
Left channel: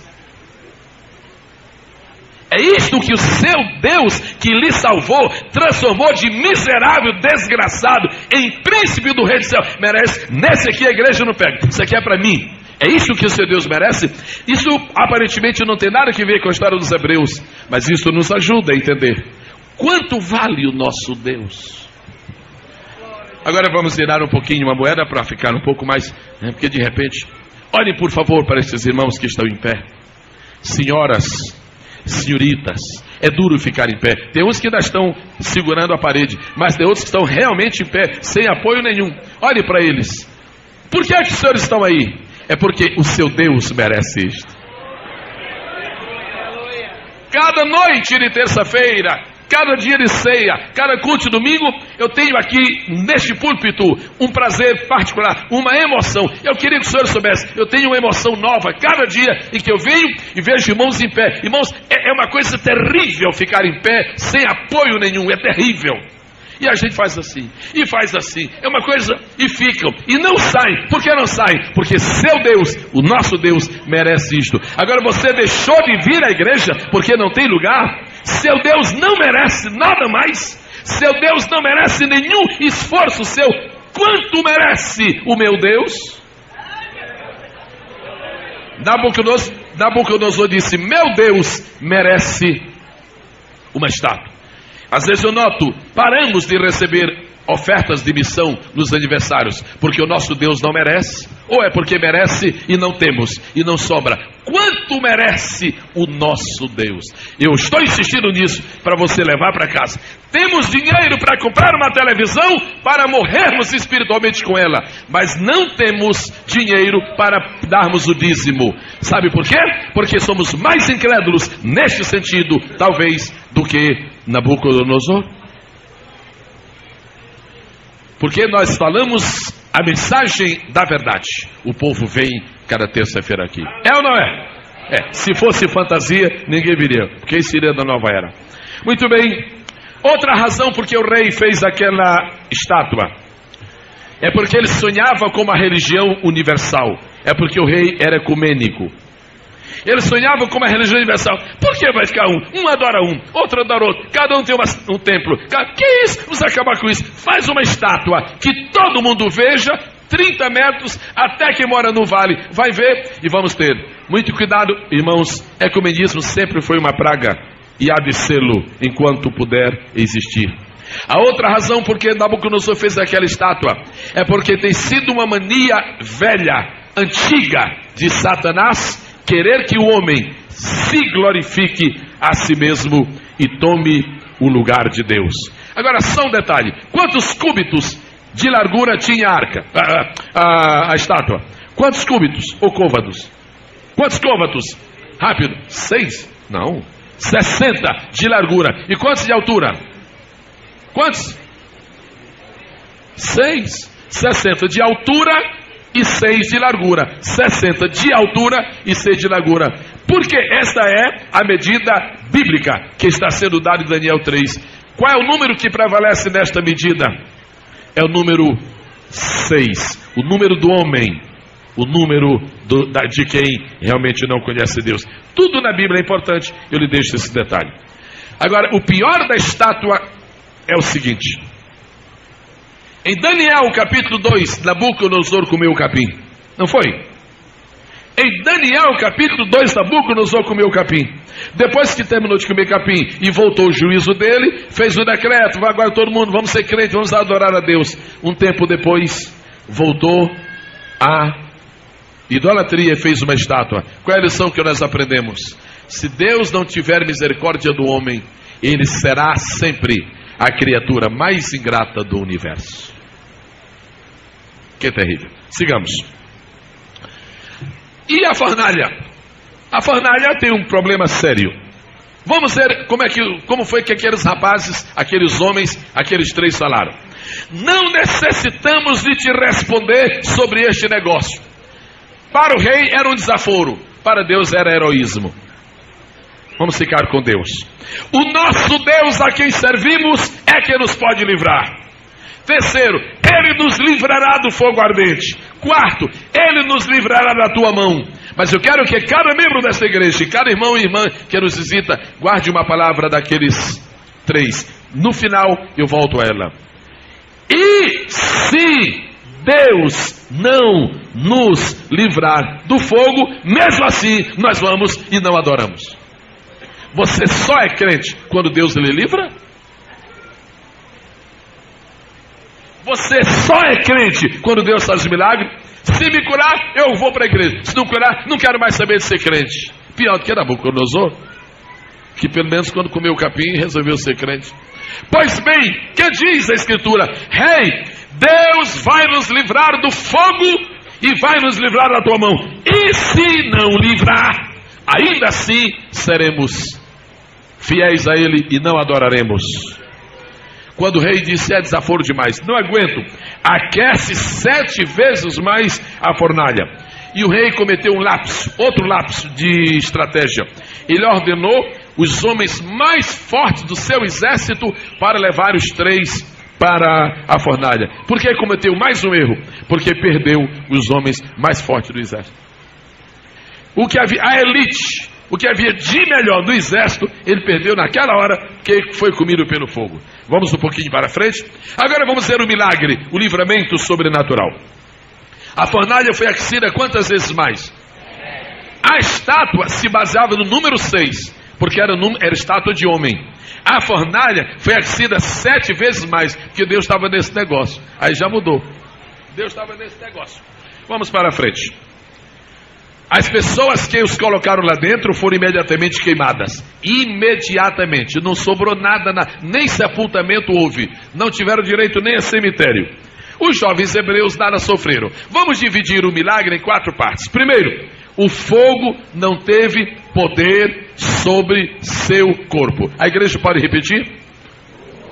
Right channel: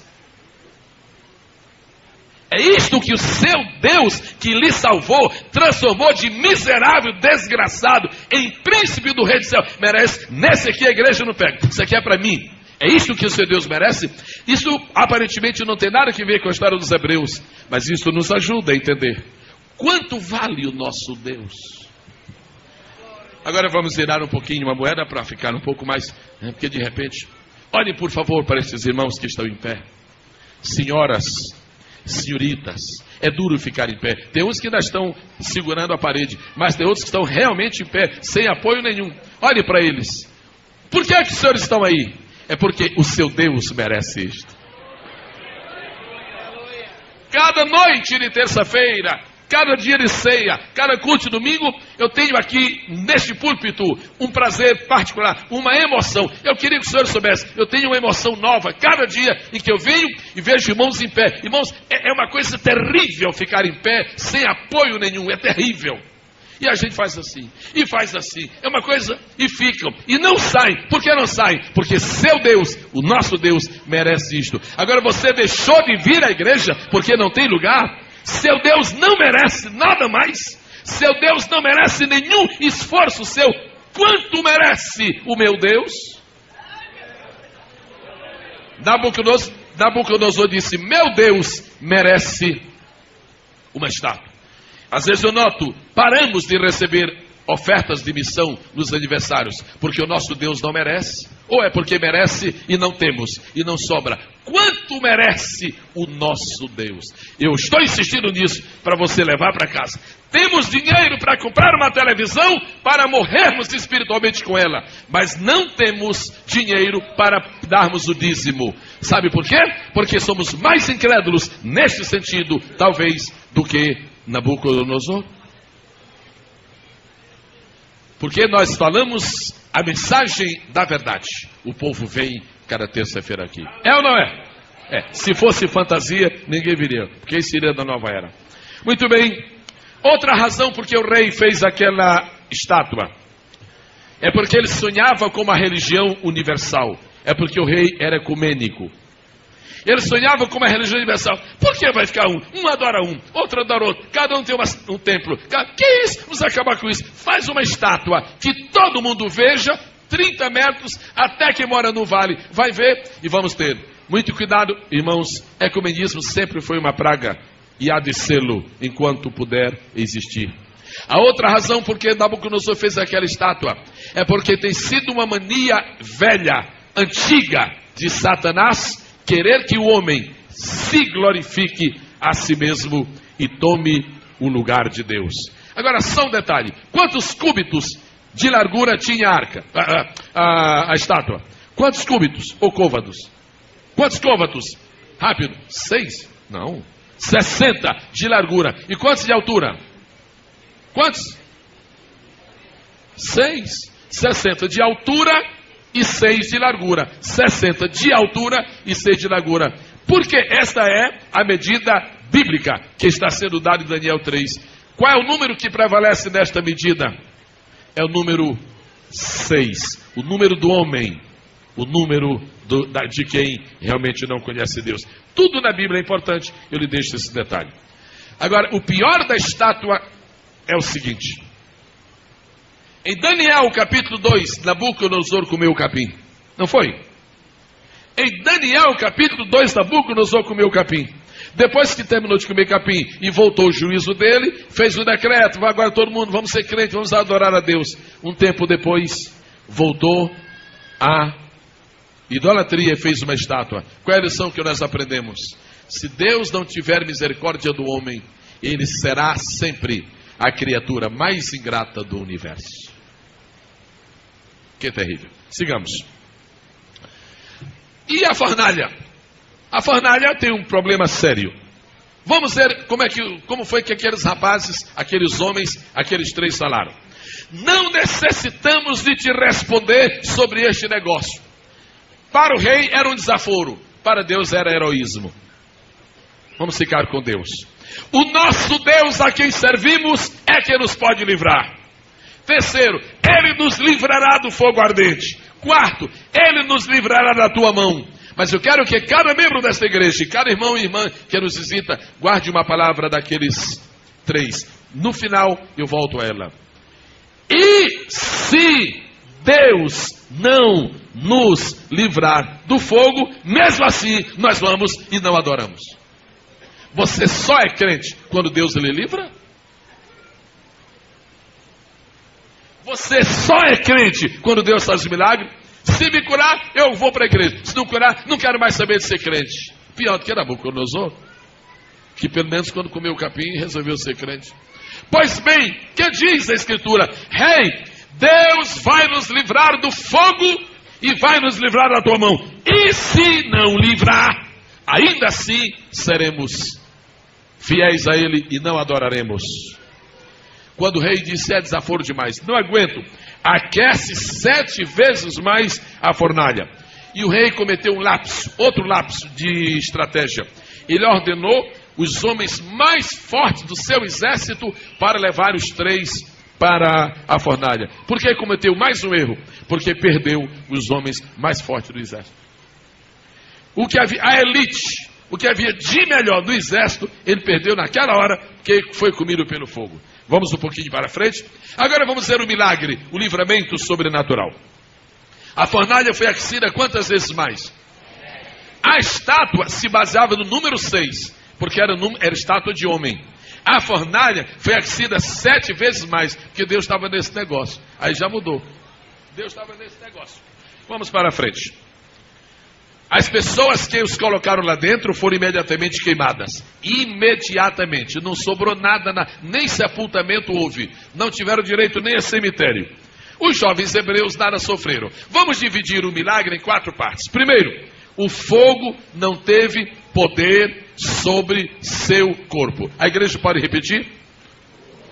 É isto que o seu Deus, que lhe salvou, transformou de miserável, desgraçado, em príncipe do rei do céu, merece? Nesse aqui a igreja não pega, isso aqui é para mim. É isso que o seu Deus merece? Isso aparentemente não tem nada a ver com a história dos hebreus, mas isso nos ajuda a entender quanto vale o nosso Deus. Agora vamos virar um pouquinho uma moeda para ficar um pouco mais, porque de repente, olhem por favor para esses irmãos que estão em pé. Senhoras, senhoritas, é duro ficar em pé. Tem uns que ainda estão segurando a parede, mas tem outros que estão realmente em pé, sem apoio nenhum. Olhe para eles. Por que é que os senhores estão aí? É porque o seu Deus merece isto. Cada noite de terça-feira, cada dia de ceia, cada culto de domingo, eu tenho aqui neste púlpito um prazer particular, uma emoção. Eu queria que o senhor soubesse, eu tenho uma emoção nova cada dia em que eu venho e vejo irmãos em pé. Irmãos, é uma coisa terrível ficar em pé sem apoio nenhum, é terrível. E a gente faz assim, e faz assim, é uma coisa, e ficam, e não saem. Por que não saem? Porque seu Deus, o nosso Deus, merece isto. Agora você deixou de vir à igreja porque não tem lugar? Seu Deus não merece nada mais. Seu Deus não merece nenhum esforço seu. Quanto merece o meu Deus? Nabucodonosor disse: meu Deus merece uma estátua. Às vezes eu noto, paramos de receber ofertas de missão nos aniversários, porque o nosso Deus não merece, ou é porque merece e não temos, e não sobra. Quanto merece o nosso Deus? Eu estou insistindo nisso para você levar para casa. Temos dinheiro para comprar uma televisão para morrermos espiritualmente com ela, mas não temos dinheiro para darmos o dízimo. Sabe por quê? Porque somos mais incrédulos neste sentido, talvez, do que Nabucodonosor. Porque nós falamos a mensagem da verdade. O povo vem cada terça-feira aqui. É ou não é? É. Se fosse fantasia, ninguém viria, porque isso seria da nova era. Muito bem. Outra razão porque o rei fez aquela estátua é porque ele sonhava com uma religião universal. É porque o rei era ecumênico. Ele sonhava com uma religião universal. Por que vai ficar um? Um adora um, outro adora outro. Cada um tem um templo. Que isso? Vamos acabar com isso. Faz uma estátua que todo mundo veja, 30 metros, até quem mora no vale vai ver, e vamos ter muito cuidado, irmãos. Ecumenismo sempre foi uma praga e há de sê-lo enquanto puder existir. A outra razão porque Nabucodonosor fez aquela estátua é porque tem sido uma mania velha, antiga de Satanás, querer que o homem se glorifique a si mesmo e tome o lugar de Deus. Agora só um detalhe: quantos cúbitos de largura tinha a arca, a estátua? Quantos cúbitos ou côvados? Quantos côvados? Rápido. 6? Não. 60 de largura. E quantos de altura? Quantos? 6. 60 de altura e 6 de largura. 60 de altura e 6 de largura. Porque esta é a medida bíblica que está sendo dada em Daniel 3. Qual é o número que prevalece nesta medida? É o número 6. O número do homem. O número de quem realmente não conhece Deus. Tudo na Bíblia é importante. Eu lhe deixo esse detalhe. Agora, o pior da estátua é o seguinte. Em Daniel capítulo 2, Nabucodonosor comeu o capim. Não foi? Em Daniel capítulo 2, Nabucodonosor comeu o capim. Depois que terminou de comer capim e voltou o juízo dele, fez o decreto, vai agora todo mundo, vamos ser crentes, vamos adorar a Deus. Um tempo depois, voltou a idolatria e fez uma estátua. Qual é a lição que nós aprendemos? Se Deus não tiver misericórdia do homem, ele será sempre a criatura mais ingrata do universo. Que terrível. Sigamos. E a fornalha? A fornalha tem um problema sério. Vamos ver como foi que aqueles rapazes, aqueles homens, aqueles 3 falaram. Não necessitamos de te responder sobre este negócio. Para o rei era um desaforo, para Deus era heroísmo. Vamos ficar com Deus. O nosso Deus a quem servimos é quem nos pode livrar. Terceiro, Ele nos livrará do fogo ardente. Quarto, Ele nos livrará da tua mão. Mas eu quero que cada membro desta igreja, cada irmão e irmã que nos visita, guarde uma palavra daqueles 3. No final, eu volto a ela. E se Deus não nos livrar do fogo, mesmo assim, nós vamos e não adoramos. Você só é crente quando Deus lhe livra? Você só é crente quando Deus faz milagre? Se me curar, eu vou para a igreja. Se não curar, não quero mais saber de ser crente. Pior do que Nabucodonosor, que pelo menos quando comeu o capim resolveu ser crente. Pois bem, que diz a Escritura? Rei, Deus vai nos livrar do fogo e vai nos livrar da tua mão. E se não livrar, ainda assim seremos fiéis a Ele e não adoraremos. Quando o rei disse, é desaforo demais, não aguento, aquece 7 vezes mais a fornalha. E o rei cometeu um lapso, outro lapso de estratégia. Ele ordenou os homens mais fortes do seu exército para levar os 3 para a fornalha. Por que cometeu mais um erro? Porque perdeu os homens mais fortes do exército. O que havia, a elite, o que havia de melhor do exército, ele perdeu naquela hora que foi comido pelo fogo. Vamos um pouquinho para frente. Agora vamos ver o milagre, o livramento sobrenatural. A fornalha foi aquecida quantas vezes mais? A estátua se baseava no número 6, porque era estátua de homem. A fornalha foi aquecida 7 vezes mais, porque Deus estava nesse negócio. Aí já mudou. Deus estava nesse negócio. Vamos para frente. As pessoas que os colocaram lá dentro foram imediatamente queimadas. Imediatamente. Não sobrou nada, nem sepultamento houve. Não tiveram direito nem a cemitério. Os jovens hebreus nada sofreram. Vamos dividir o milagre em 4 partes. Primeiro, o fogo não teve poder sobre seu corpo. A igreja pode repetir?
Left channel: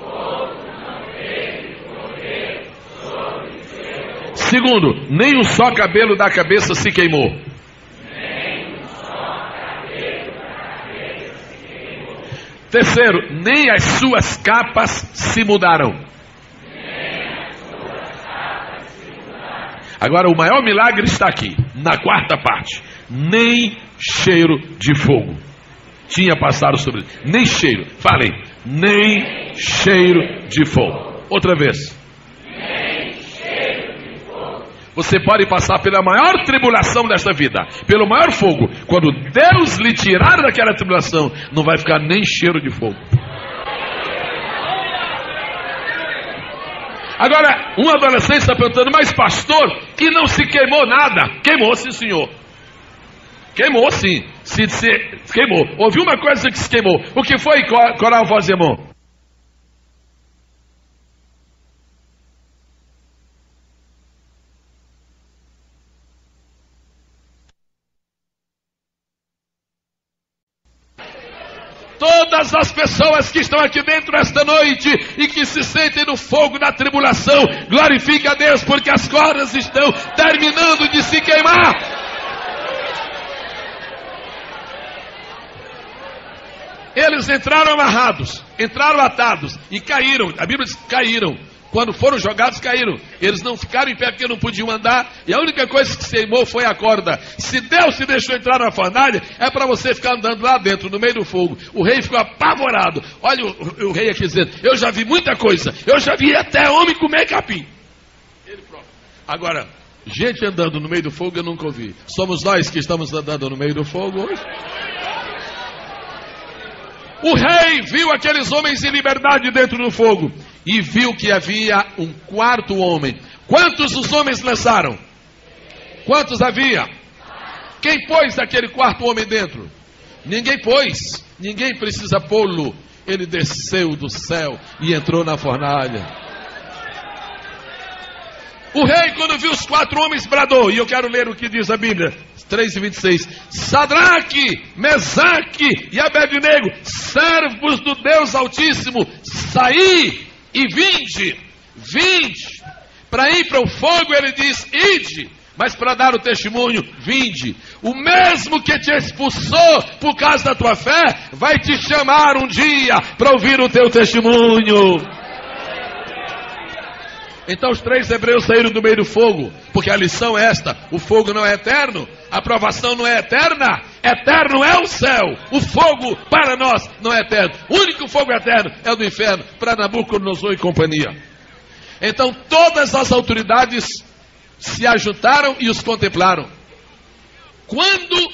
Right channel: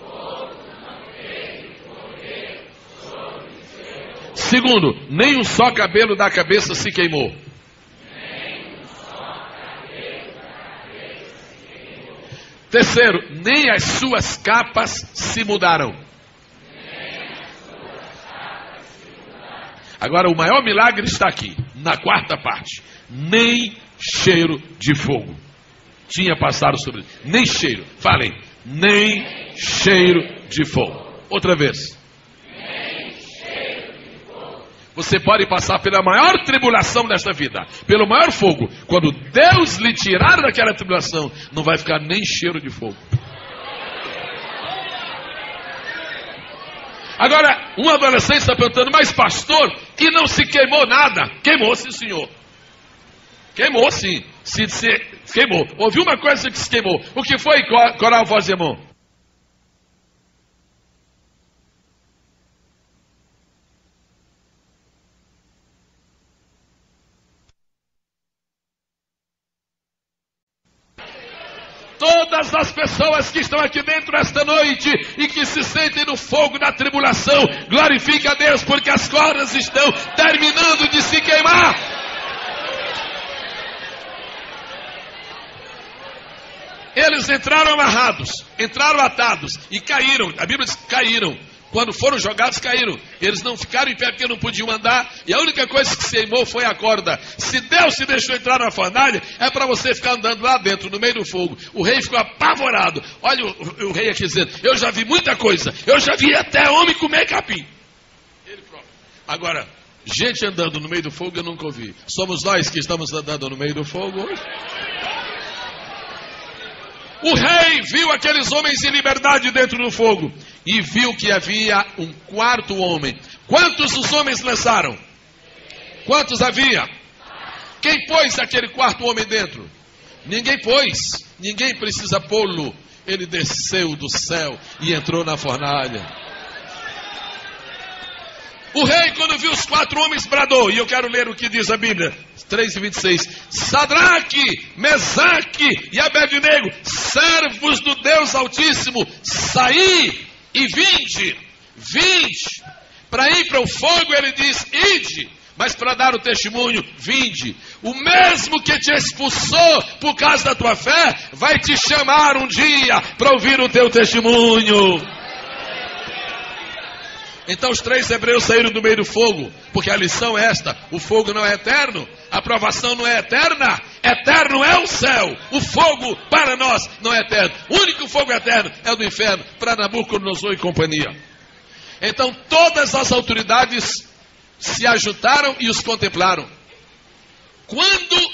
O fogo não teve poder sobre seu corpo. Segundo, nem um só cabelo da cabeça se queimou. Terceiro, nem as suas capas se mudaram. Agora o maior milagre está aqui, na 4ª parte. Nem cheiro de fogo tinha passado sobre ele. Nem cheiro, falei, nem cheiro de fogo. Outra vez. Você pode passar pela maior tribulação desta vida, pelo maior fogo. Quando Deus lhe tirar daquela tribulação, não vai ficar nem cheiro de fogo. Agora, um adolescente está perguntando, mas pastor, que não se queimou nada. Queimou sim, senhor. Queimou sim. Queimou. Ouviu uma coisa que se queimou. O que foi, coral voz, irmão? todas as pessoas que estão aqui dentro esta noite e que se sentem no fogo da tribulação, glorifique a Deus, porque as cordas estão terminando de se queimar. Eles entraram amarrados, entraram atados e caíram. A Bíblia diz que caíram. Quando foram jogados, caíram. Eles não ficaram em pé porque não podiam andar. E a única coisa que se queimou foi a corda. Se Deus se deixou entrar na fornalha, é para você ficar andando lá dentro, no meio do fogo. O rei ficou apavorado. Olha o rei aqui dizendo, eu já vi muita coisa. Eu já vi até homem comer capim. Ele próprio. Agora, gente andando no meio do fogo eu nunca ouvi. Somos nós que estamos andando no meio do fogo hoje. O rei viu aqueles homens em liberdade dentro do fogo e viu que havia um quarto homem. Quantos os homens lançaram? Quantos havia? Quem pôs aquele quarto homem dentro? Ninguém pôs. Ninguém precisa pô-lo. Ele desceu do céu e entrou na fornalha. O rei, quando viu os 4 homens, bradou. E eu quero ler o que diz a Bíblia. 3:26. Sadraque, Mesaque e Abednego, servos do Deus Altíssimo, saí e vinde. Vinde. Para ir para o fogo, ele diz, ide. Mas para dar o testemunho, vinde. O mesmo que te expulsou por causa da tua fé, vai te chamar um dia para ouvir o teu testemunho. Então os 3 hebreus saíram do meio do fogo, porque a lição é esta: o fogo não é eterno, a provação não é eterna, eterno é o céu, o fogo para nós não é eterno, o único fogo eterno é o do inferno, para Nabucodonosor e companhia. Então todas as autoridades se ajuntaram e os contemplaram. Quando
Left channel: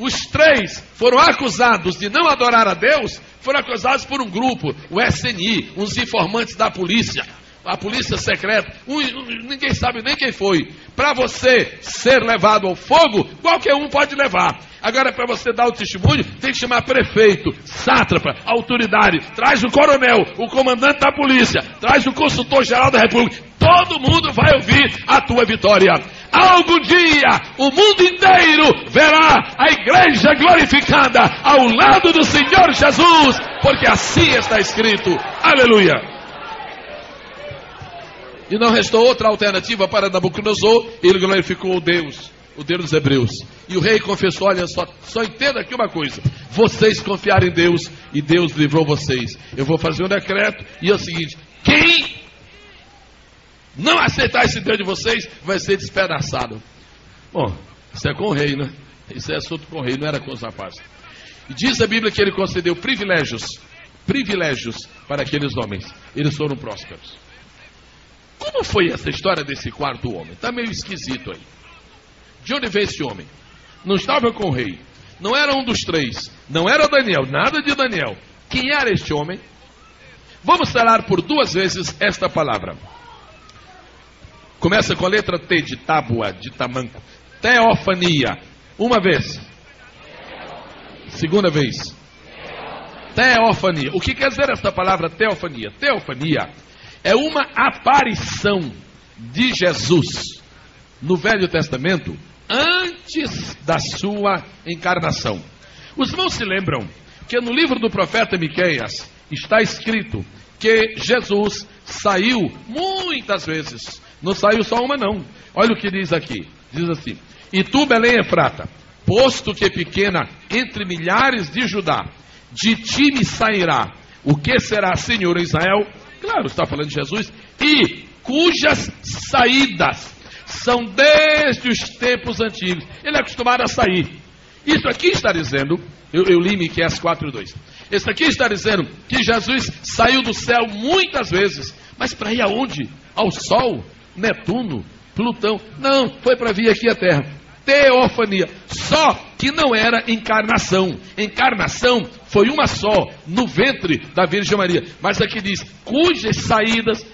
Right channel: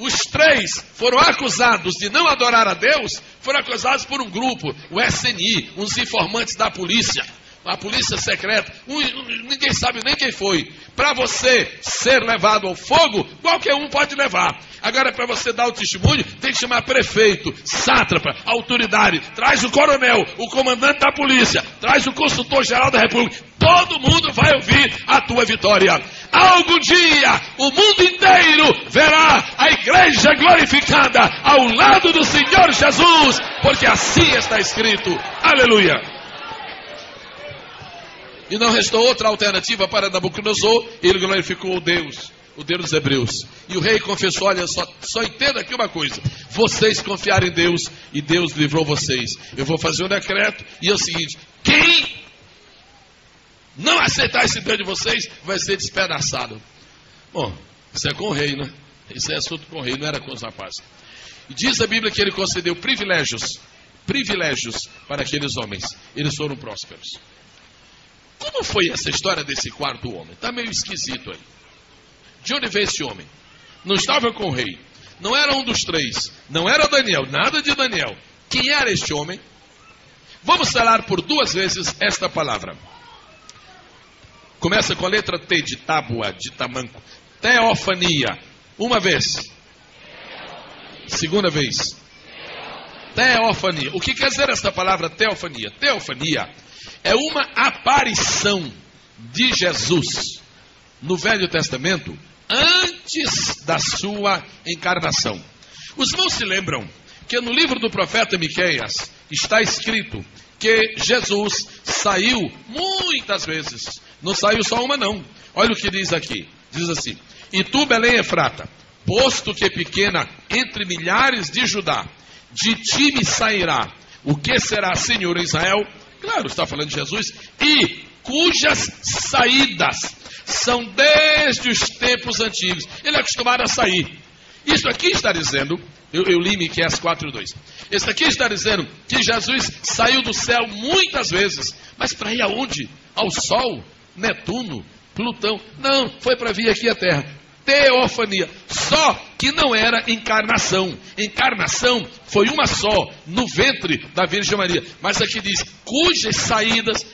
os 3 foram acusados de não adorar a Deus, foram acusados por um grupo, o SNI, uns informantes da polícia. A polícia secreta, ninguém sabe nem quem foi. Para você ser levado ao fogo, qualquer um pode levar. Agora, para você dar o testemunho, tem que chamar prefeito, sátrapa, autoridade. Traz o coronel, o comandante da polícia, traz o consultor-geral da República. Todo mundo vai ouvir a tua vitória. Algum dia, o mundo inteiro verá a igreja glorificada ao lado do Senhor Jesus, porque assim está escrito. Aleluia! E não restou outra alternativa para Nabucodonosor, ele glorificou o Deus dos hebreus. E o rei confessou, olha, só entenda aqui uma coisa, vocês confiaram em Deus e Deus livrou vocês. Eu vou fazer um decreto e é o seguinte, quem não aceitar esse Deus de vocês, vai ser despedaçado. Bom, isso é com o rei, né? Isso é assunto com o rei, não era com os rapazes. E diz a Bíblia que ele concedeu privilégios para aqueles homens. Eles foram prósperos. Como foi essa história desse quarto homem? Está meio esquisito aí. De onde veio esse homem? Não estava com o rei. Não era um dos 3. Não era Daniel. Nada de Daniel. Quem era este homem? Vamos falar por 2 vezes esta palavra. Começa com a letra T de tábua, de tamanco. Teofania. Uma vez. Segunda vez. Teofania. O que quer dizer esta palavra teofania? Teofania é uma aparição de Jesus no Velho Testamento antes da sua encarnação. Os irmãos se lembram que no livro do profeta Miqueias está escrito que Jesus saiu muitas vezes. Não saiu só uma não. Olha o que diz aqui. Diz assim: e tu, Belém Efrata, posto que é pequena entre milhares de Judá, de ti me sairá o que será Senhor em Israel. Claro, está falando de Jesus. E cujas saídas são desde os tempos antigos. Ele é acostumado a sair. Isso aqui está dizendo, eu li Miqueias 4:2. Isso aqui está dizendo que Jesus saiu do céu muitas vezes. Mas para ir aonde? Ao Sol, Netuno, Plutão. Não, foi para vir aqui à Terra. Teofania, só que não era encarnação. Encarnação foi uma só, no ventre da Virgem Maria. Mas aqui diz, cujas saídas,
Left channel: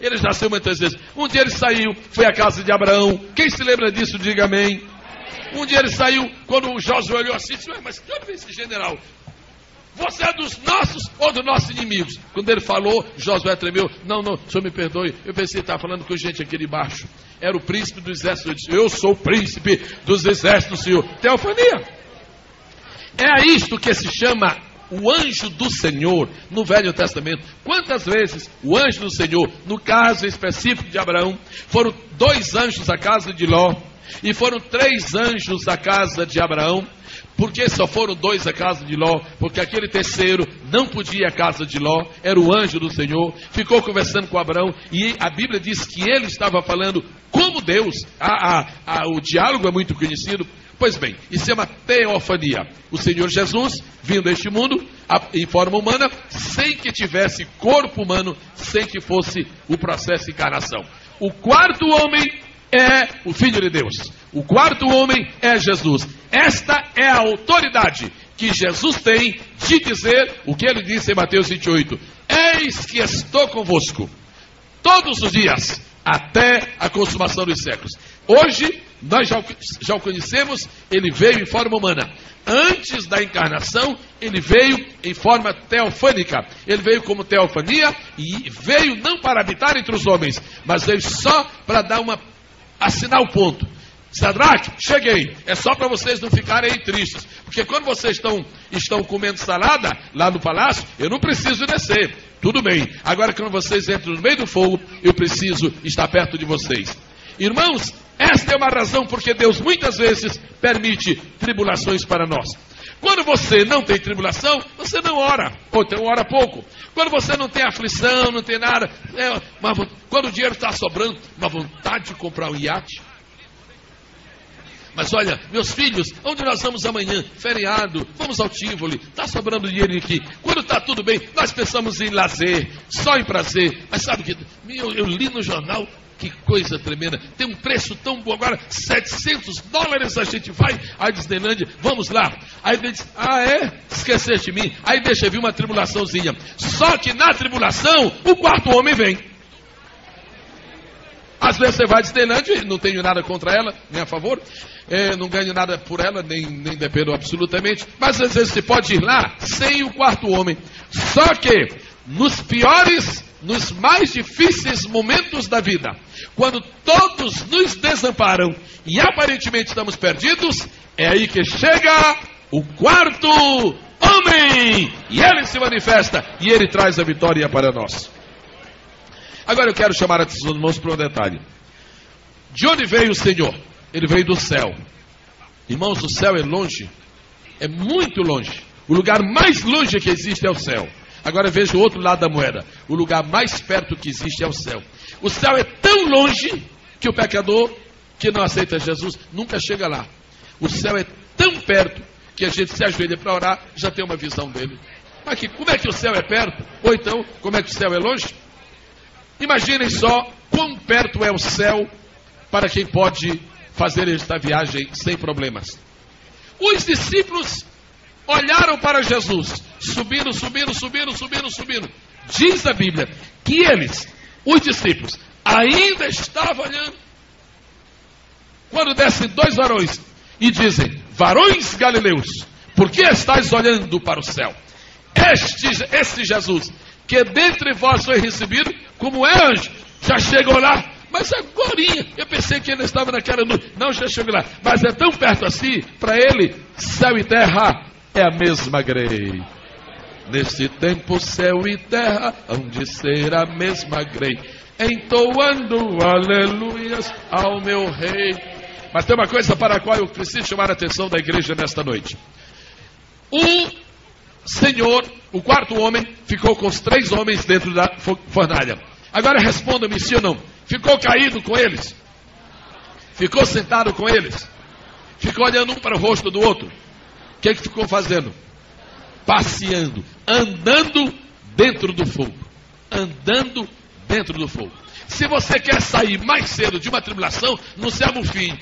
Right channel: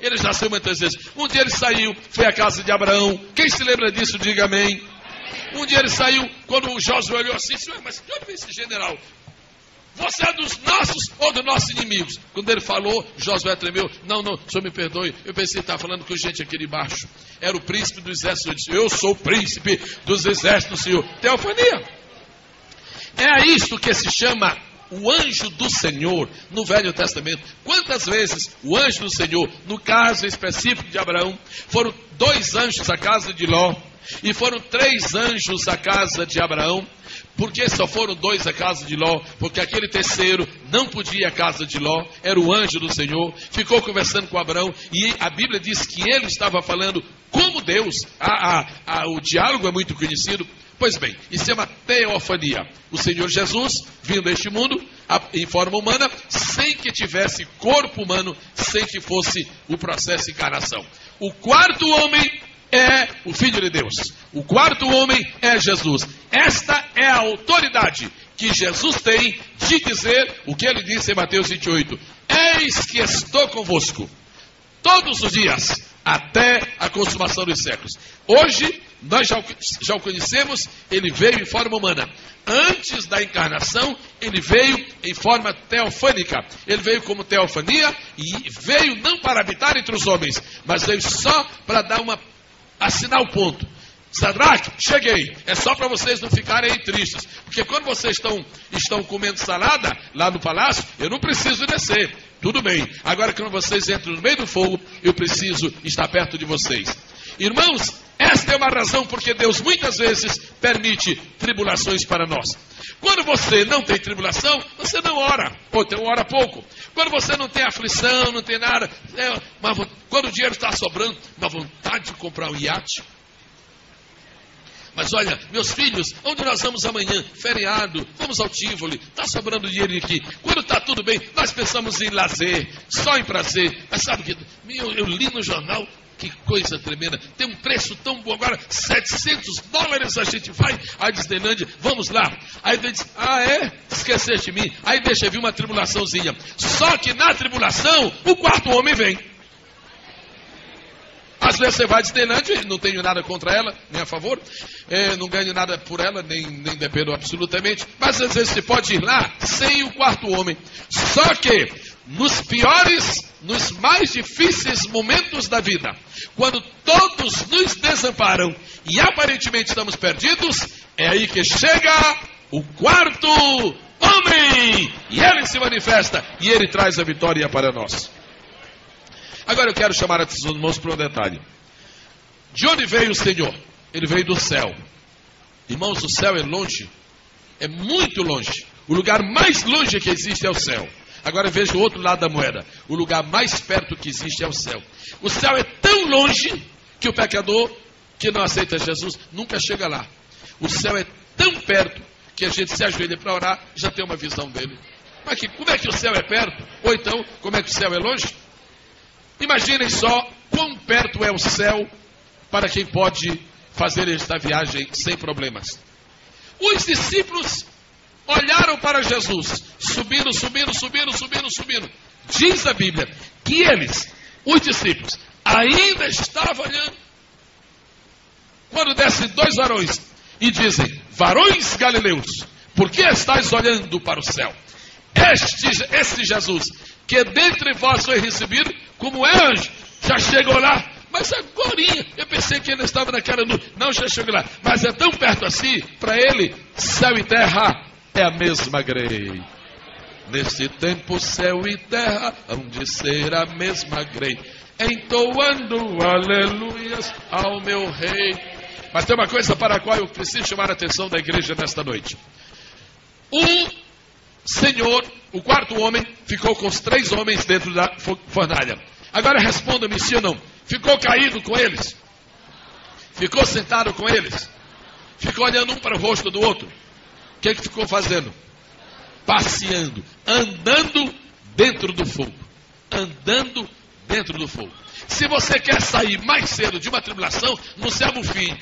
ele nasceu muitas vezes. Um dia ele saiu, foi à casa de Abraão. Quem se lembra disso, diga amém. Um dia ele saiu, quando o Josué olhou assim, mas olha esse general, você é dos nossos ou dos nossos inimigos? Quando ele falou, Josué tremeu. Não, o senhor me perdoe. Eu pensei que estava falando com gente aqui de baixo. Era o príncipe dos exércitos. Eu disse, eu sou o príncipe dos exércitos do Senhor. Teofania. É a isto que se chama o anjo do Senhor no Velho Testamento. Quantas vezes o anjo do Senhor, no caso específico de Abraão, foram 2 anjos à casa de Ló, e foram 3 anjos à casa de Abraão. Por que só foram 2 à casa de Ló? Porque aquele terceiro não podia ir à casa de Ló, era o anjo do Senhor, ficou conversando com Abraão, e a Bíblia diz que ele estava falando como Deus. O diálogo é muito conhecido. Pois bem, isso é uma teofania. O Senhor Jesus vindo a este mundo em forma humana, sem que tivesse corpo humano, sem que fosse o processo de encarnação. O quarto homem é o Filho de Deus. O quarto homem é Jesus. Esta é a autoridade que Jesus tem de dizer o que ele disse em Mateus 28. Eis que estou convosco todos os dias, até a consumação dos séculos. Hoje, nós já o conhecemos, ele veio em forma humana. Antes da encarnação, ele veio em forma teofânica. Ele veio como teofania e veio não para habitar entre os homens, mas veio só para dar assinar o ponto. Sadraque, cheguei. É só para vocês não ficarem aí tristes. Porque quando vocês estão comendo salada lá no palácio, eu não preciso descer. Tudo bem. Agora quando vocês entram no meio do fogo, eu preciso estar perto de vocês. Irmãos, esta é uma razão porque Deus muitas vezes permite tribulações para nós. Quando você não tem tribulação, você não ora. Ou então ora pouco. Quando você não tem aflição, não tem nada. Quando o dinheiro está sobrando, uma vontade de comprar um iate. Mas olha, meus filhos, onde nós vamos amanhã? Feriado, vamos ao Tivoli, está sobrando dinheiro aqui. Quando está tudo bem, nós pensamos em lazer, só em prazer. Mas sabe que eu li no jornal, que coisa tremenda, tem um preço tão bom agora, $700 a gente vai à Disneylândia, vamos lá. Aí ele diz, esquecer de mim. Aí deixa vir uma tribulaçãozinha. Só que na tribulação, o quarto homem vem. Às vezes você vai à Disneylândia, não tenho nada contra ela, nem a favor, não ganho nada por ela, nem dependo absolutamente, mas às vezes você pode ir lá sem o quarto homem. Só que nos piores, nos mais difíceis momentos da vida, quando todos nos desamparam e aparentemente estamos perdidos, é aí que chega o quarto homem, e ele se manifesta e ele traz a vitória para nós. Agora eu quero chamar a atenção dos irmãos para um detalhe. De onde veio o Senhor? Ele veio do céu. Irmãos, o céu é longe. É muito longe. O lugar mais longe que existe é o céu. Agora veja o outro lado da moeda. O lugar mais perto que existe é o céu. O céu é tão longe que o pecador que não aceita Jesus nunca chega lá. O céu é tão perto que a gente se ajoelha para orar, já tem uma visão dele. Mas como é que o céu é perto? Ou então, como é que o céu é longe? Imaginem só quão perto é o céu para quem pode fazer esta viagem sem problemas. Os discípulos olharam para Jesus, subindo. Diz a Bíblia que eles, os discípulos, ainda estavam olhando. Quando descem 2 varões e dizem, varões galileus, por que estáis olhando para o céu? Este Jesus, que dentre vós foi recebido como é anjo, já chegou lá, mas agorinha, eu pensei que ele estava naquela nuvem, não, já chegou lá, mas é tão perto assim, para ele, céu e terra é a mesma grei. Nesse tempo céu e terra hão de ser a mesma grei, entoando aleluias ao meu rei. Mas tem uma coisa para a qual eu preciso chamar a atenção da igreja nesta noite. O Senhor, o quarto homem, ficou com os 3 homens dentro da fornalha. Agora responda-me, sim ou não? Ficou caído com eles? Ficou sentado com eles? Ficou olhando um para o rosto do outro? O que ficou fazendo? Passeando, andando dentro do fogo. Andando dentro do fogo. Se você quer sair mais cedo de uma tribulação, não se amofie.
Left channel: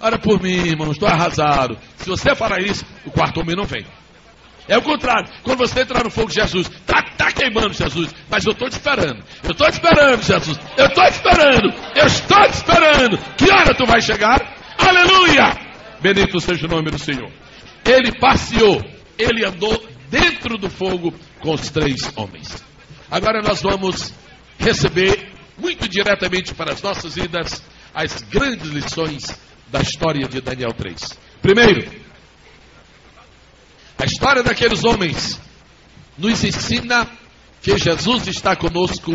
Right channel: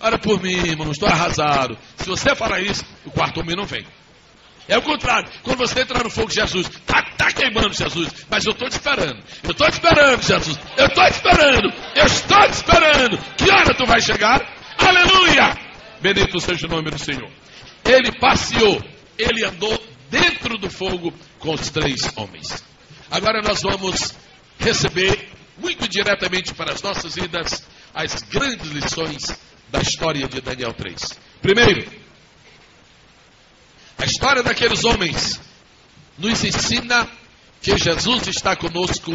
Ora por mim, irmão, estou arrasado. Se você falar isso, o quarto homem não vem. É o contrário. Quando você entrar no fogo de Jesus, está queimando Jesus, mas eu estou te esperando. Eu estou esperando, Jesus. Eu estou esperando. Que hora tu vai chegar? Aleluia! Bendito seja o nome do Senhor. Ele passeou, ele andou dentro do fogo com os 3 homens. Agora nós vamos receber muito diretamente para as nossas vidas as grandes lições da história de Daniel 3. Primeiro, A história daqueles homens nos ensina que Jesus está conosco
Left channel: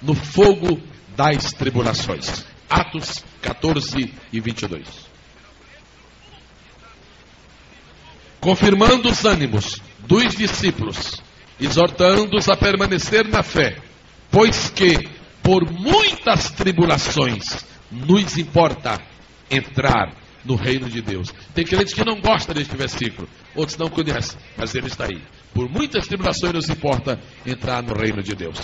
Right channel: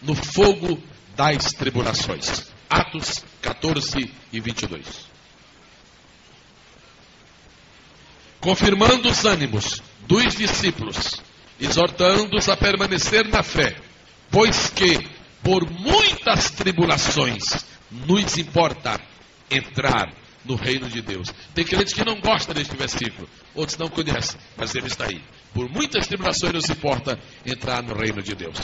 no fogo das tribulações. Atos 14 e 22. Confirmando os ânimos dos discípulos, exortando-os a permanecer na fé, pois que por muitas tribulações nos importa entrar no reino de Deus. Tem crentes que não gostam deste versículo, outros não conhecem, mas ele está aí. Por muitas tribulações nos importa entrar no reino de Deus.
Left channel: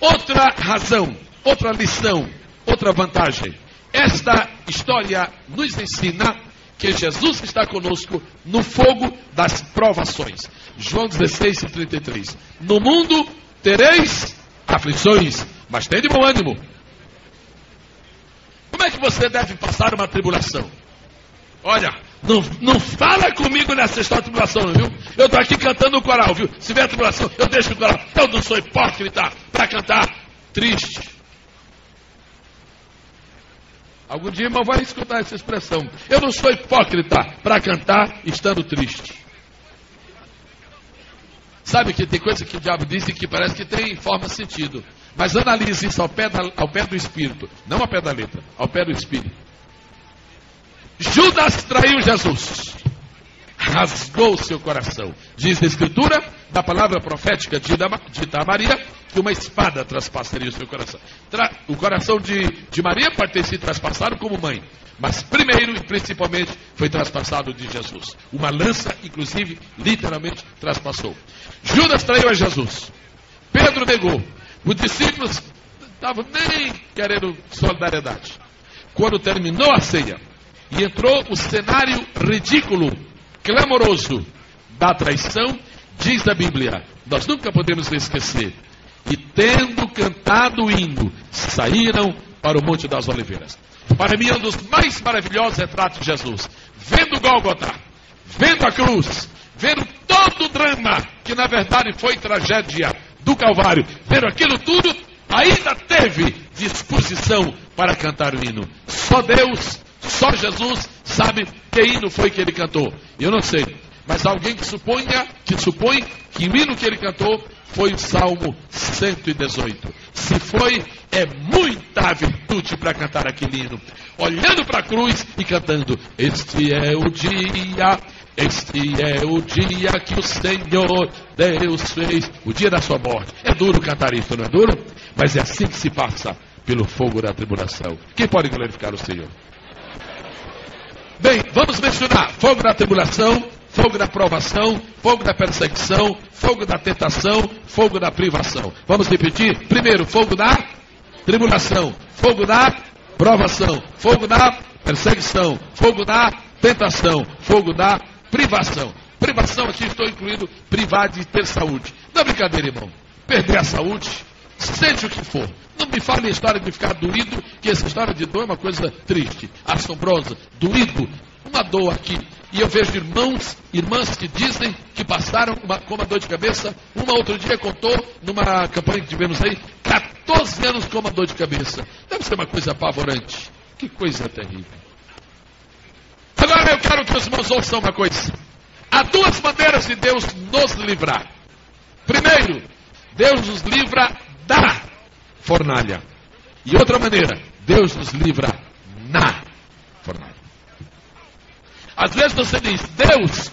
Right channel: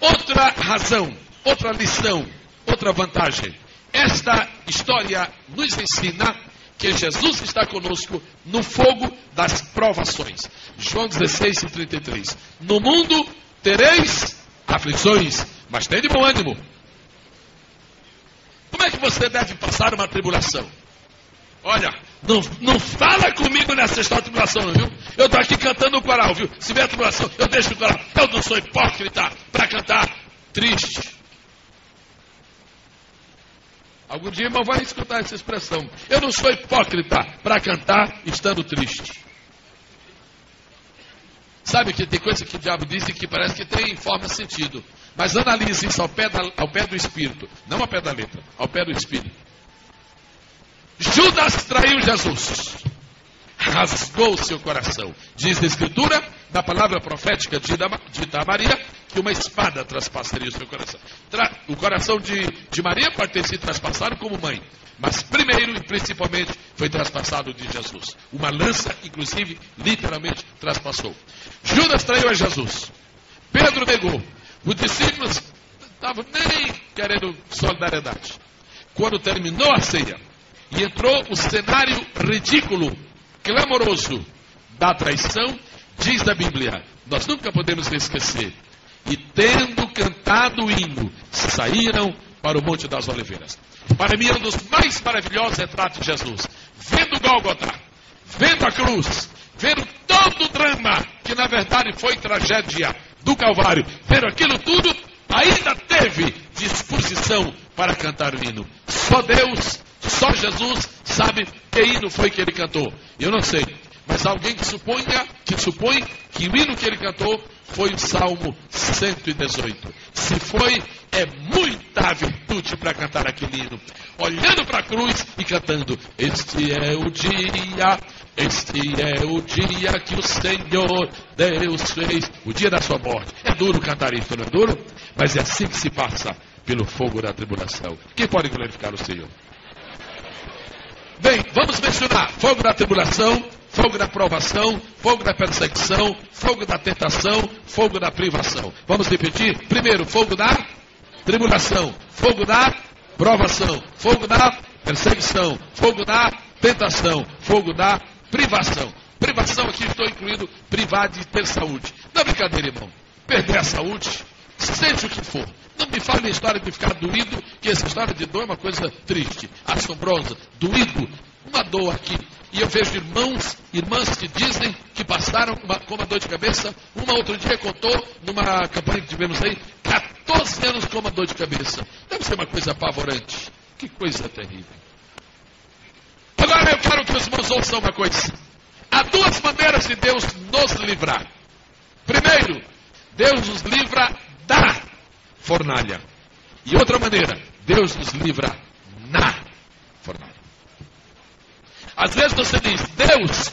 Outra razão, outra lição, outra vantagem. Esta história nos ensina que Jesus está conosco no fogo das provações. João 16, 33. No mundo tereis aflições, mas tem de bom ânimo. Como é que você deve passar uma tribulação? Olha, não fala comigo nessa história de tribulação, viu? Eu estou aqui cantando o coral, viu? Se vier tribulação, eu deixo o coral. Eu não sou hipócrita para cantar triste. Algum dia, irmão, vai escutar essa expressão. Eu não sou hipócrita para cantar estando triste. Sabe que tem coisa que o diabo diz e que parece que tem forma de sentido. Mas analise isso ao pé do Espírito. Não ao pé da letra, ao pé do Espírito. Judas traiu Jesus. Rasgou seu coração. Diz a Escritura, da palavra profética dita a Maria, que uma espada traspassaria o seu coração. O coração de Maria pode ter sido traspassado como mãe, mas primeiro e principalmente foi traspassado de Jesus. Uma lança, inclusive, literalmente traspassou. Judas traiu a Jesus. Pedro negou. Os discípulos estavam nem querendo solidariedade. Quando terminou a ceia e entrou o cenário ridículo, clamoroso da traição, diz a Bíblia, nós nunca podemos esquecer, e tendo cantado o hino, saíram para o Monte das Oliveiras. Para mim, um dos mais maravilhosos retratos de Jesus, vendo Gólgota, vendo a cruz, vendo todo o drama, que na verdade foi tragédia do Calvário, vendo aquilo tudo, ainda teve disposição para cantar o hino. Só Deus, só Jesus sabe que hino foi que ele cantou. Eu não sei, mas alguém que supõe que o hino que ele cantou foi o Salmo 118. Se foi, é muita virtude para cantar aquele hino. Olhando para a cruz e cantando: este é o dia que o Senhor Deus fez. O dia da sua morte. É duro cantar isso, não é duro? Mas é assim que se passa pelo fogo da tribulação. Quem pode glorificar o Senhor? Bem, vamos mencionar fogo da tribulação, fogo da provação, fogo da perseguição, fogo da tentação, fogo da privação. Vamos repetir? Primeiro, fogo da tribulação, fogo da provação, fogo da perseguição, fogo da tentação, fogo da privação. Privação, aqui estou incluindo privar de ter saúde. Não é brincadeira, irmão. Perder a saúde, seja o que for. Não me fale a história de ficar doído, que essa história de dor é uma coisa triste, assombrosa, doído, uma dor aqui. E eu vejo irmãs que dizem que passaram com uma dor de cabeça. Uma outro dia contou, numa campanha que tivemos aí, 14 anos com uma dor de cabeça. Deve ser uma coisa apavorante. Que coisa terrível. Agora eu quero que os irmãos ouçam uma coisa. Há duas maneiras de Deus nos livrar. Primeiro, Deus nos livra da fornalha. E outra maneira, Deus nos livra na fornalha. Às vezes você diz: Deus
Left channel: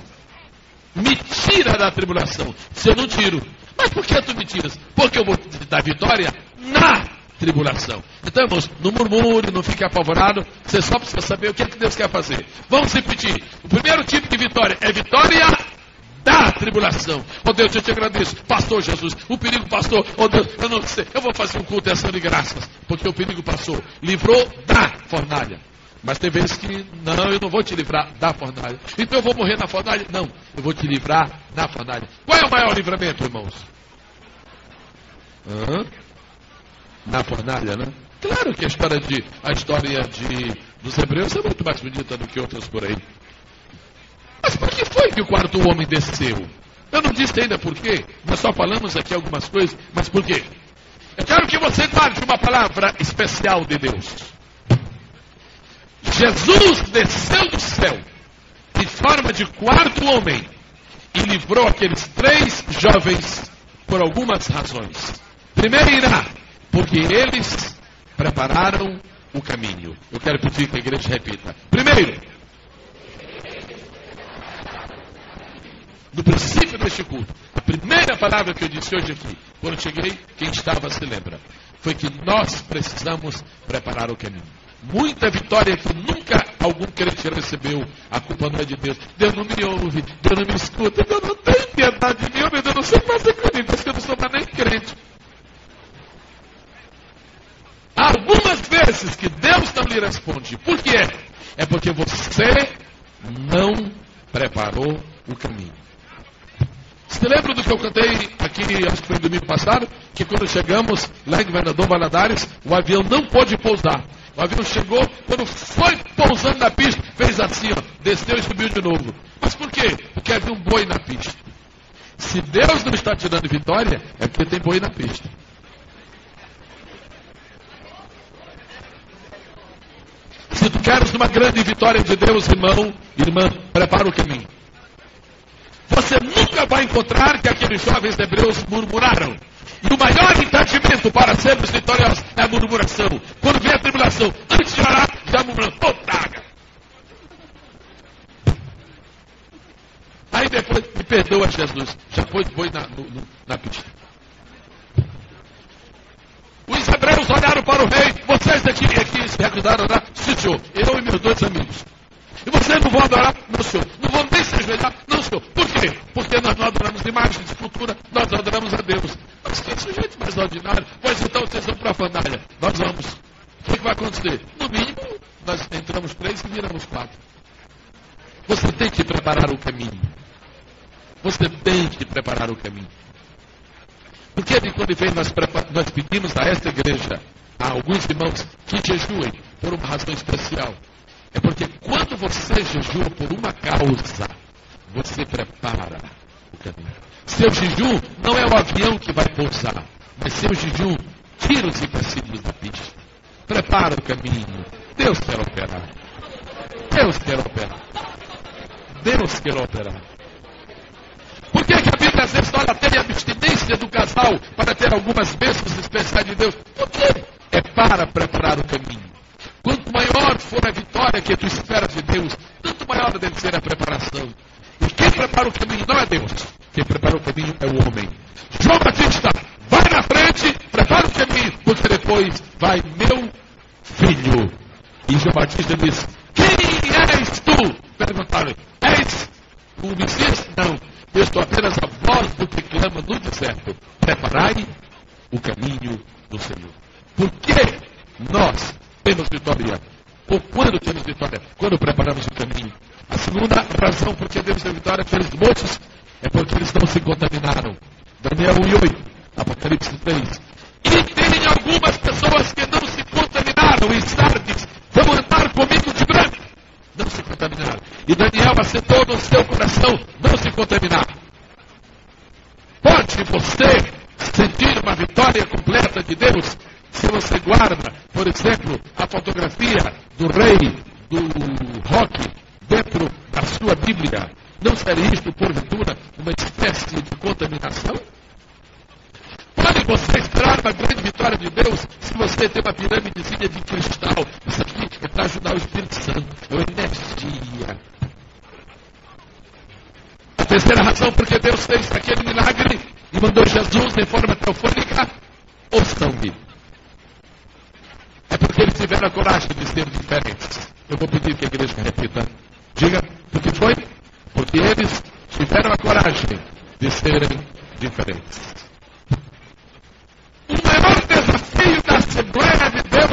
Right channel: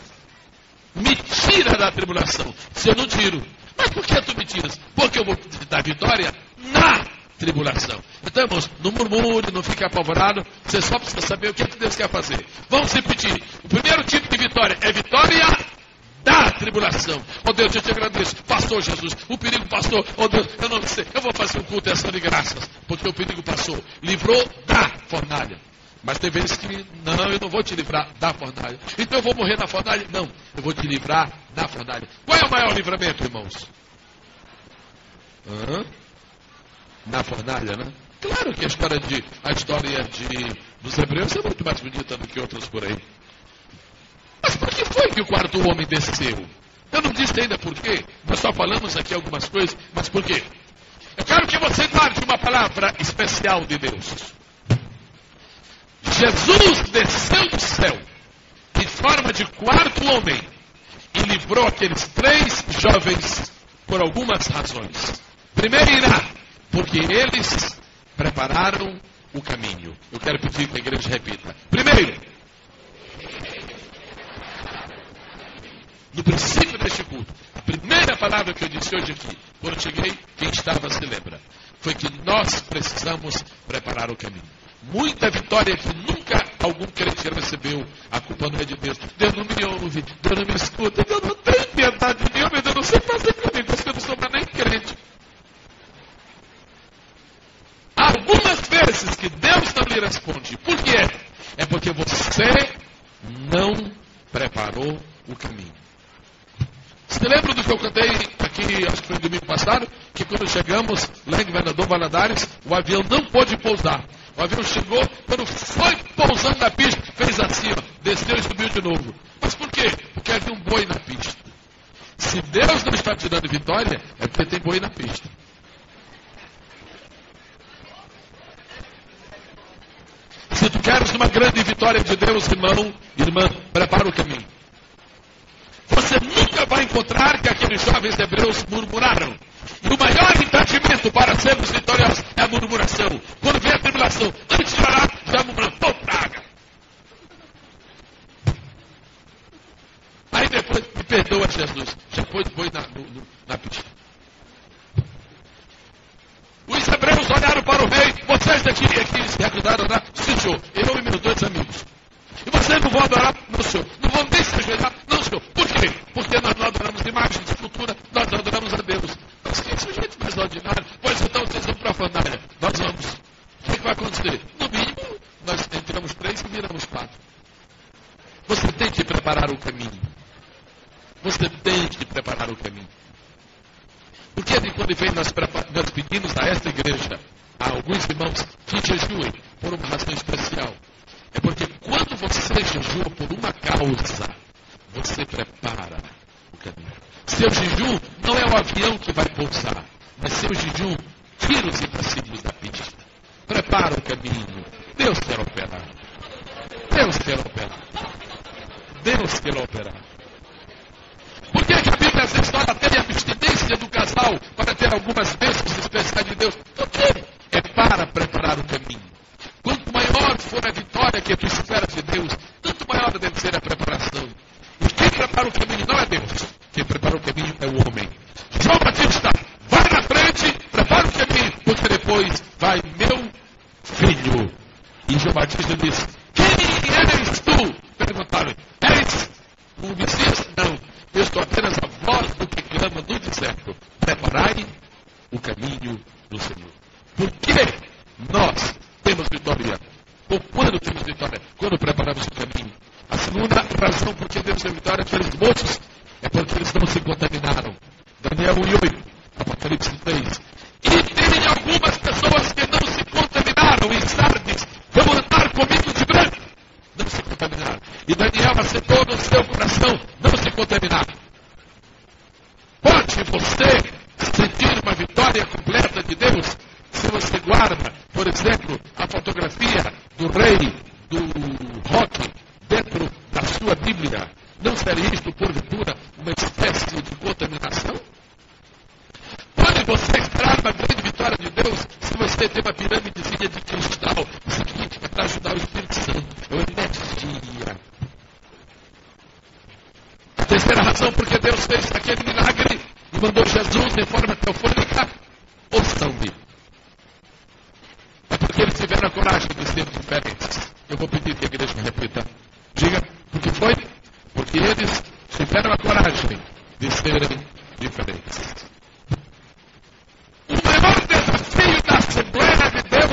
me tira da tribulação. Se eu não tiro, mas por que tu me tiras? Porque eu vou te dar vitória na tribulação. Então, irmãos, não murmure, não fique apavorado. Você só precisa saber o que Deus quer fazer. Vamos repetir. O primeiro tipo de vitória é vitória da tribulação. Oh Deus, eu te agradeço. Passou, Jesus. O perigo passou. Oh Deus, eu não sei. Eu vou fazer um culto dessa de graças, porque o perigo passou. Livrou da fornalha. Mas tem vezes que, não, eu não vou te livrar da fornalha. Então eu vou morrer na fornalha? Não, eu vou te livrar da fornalha. Qual é o maior livramento, irmãos? Na fornalha, né? Claro que a história dos hebreus é muito mais bonita do que outras por aí. Mas por que foi que o quarto homem desceu? Eu não disse ainda por quê. Nós só falamos aqui algumas coisas, mas por quê? Eu quero que você guarde uma palavra especial de Deus. Jesus desceu do céu em forma de quarto homem e livrou Porque eles prepararam o caminho. Eu quero pedir que a igreja repita. Primeiro, no princípio deste culto, a primeira palavra que eu disse hoje aqui, quando eu cheguei, quem estava se lembra, foi que nós precisamos preparar o caminho. Muita vitória que nunca algum crente recebeu, a culpa não é de Deus. Deus não me ouve, Deus não me escuta, Deus não tem piedade de mim, mas eu não sei fazer comigo, porque eu não sou mais nem crente. Algumas vezes que Deus não lhe responde. Por quê? É porque você não preparou o caminho. Você lembra do que eu contei aqui, acho que foi domingo passado? Que quando chegamos lá em Governador Valadares, o avião não pôde pousar. O avião chegou, quando foi pousando na pista, fez assim, ó, desceu e subiu de novo. Mas por quê? Porque havia um boi na pista. Se Deus não está te dando vitória, é porque tem boi na pista. Se tu queres uma grande vitória de Deus, irmão, irmã, prepara o caminho. Você nunca vai encontrar que aqueles jovens hebreus murmuraram. E o maior entendimento para sermos vitoriosos é a murmuração. Quando vem a tribulação, antes de orar, já murmura, pô, traga. Aí depois, me perdoa, Jesus, já pôs boi na pista. Os hebreus olharam para o rei, vocês aqui se recusaram a orar, sim, senhor, eu e meus dois amigos. E vocês não vão adorar? Não, senhor. Não vão nem se ajoelhar? Não, senhor. Por quê? Porque nós não adoramos imagens de escultura, nós não adoramos a Deus. Mas que sujeito mais ordinário? Pois então vocês vão profanar. Nós vamos. O que vai acontecer? No mínimo, nós entramos 3 e miramos 4. Você tem que preparar o caminho. Você tem que preparar o caminho. Porque quando vem nós pedimos a esta igreja, a alguns irmãos que jejuem por uma razão especial. É porque quando você jejua por uma causa, você prepara o caminho. Seu jejum não é o avião que vai pousar, mas seu jejum tira os empecilhos da pista. Prepara o caminho. Deus quer operar. Deus quer operar. Deus quer operar. Por que a Bíblia nessa história tem a abstinência do casal para ter algumas bênçãos especiais de Deus? Porque é para preparar o caminho. Quanto maior for a vitória que tu espera de Deus, tanto maior deve ser a preparação. E quem prepara o caminho não é Deus. Quem prepara o caminho é o homem. João Batista, vai na frente, prepara o caminho, porque depois vai meu filho. E João Batista diz, quem és tu? Perguntaram, és um Messias? Não. Eu estou apenas a voz do que clama no deserto. Preparai o caminho do Senhor. Por que nós temos vitória? Ou quando temos vitória? Quando preparamos o caminho. A segunda razão por que temos a vitória aqueles moços é porque eles não se contaminaram. Daniel 1:8, Apocalipse 3. E tem algumas pessoas que não se contaminaram em Sardes, vão andar comigo de branco. Não se contaminaram. E Daniel acertou no seu coração não se contaminar. Pode você sentir uma vitória completa de Deus se você guarda, por exemplo, a fotografia do rei, do rock, dentro da sua Bíblia. Não seria isto, porventura, uma espécie de contaminação? Pode você entrar na grande vitória de Deus se você tem uma pirâmidezinha de cristal? Isso aqui que está ajudando o Espírito Santo. É uma energia. A terceira razão porque Deus fez aquele milagre e mandou Jesus em forma teofônica ou sangue. É porque eles tiveram a coragem de ser diferentes. Eu vou pedir que a igreja repita. Diga, o que foi? Porque eles tiveram a coragem de serem diferentes. O maior desafio da Assembleia de Deus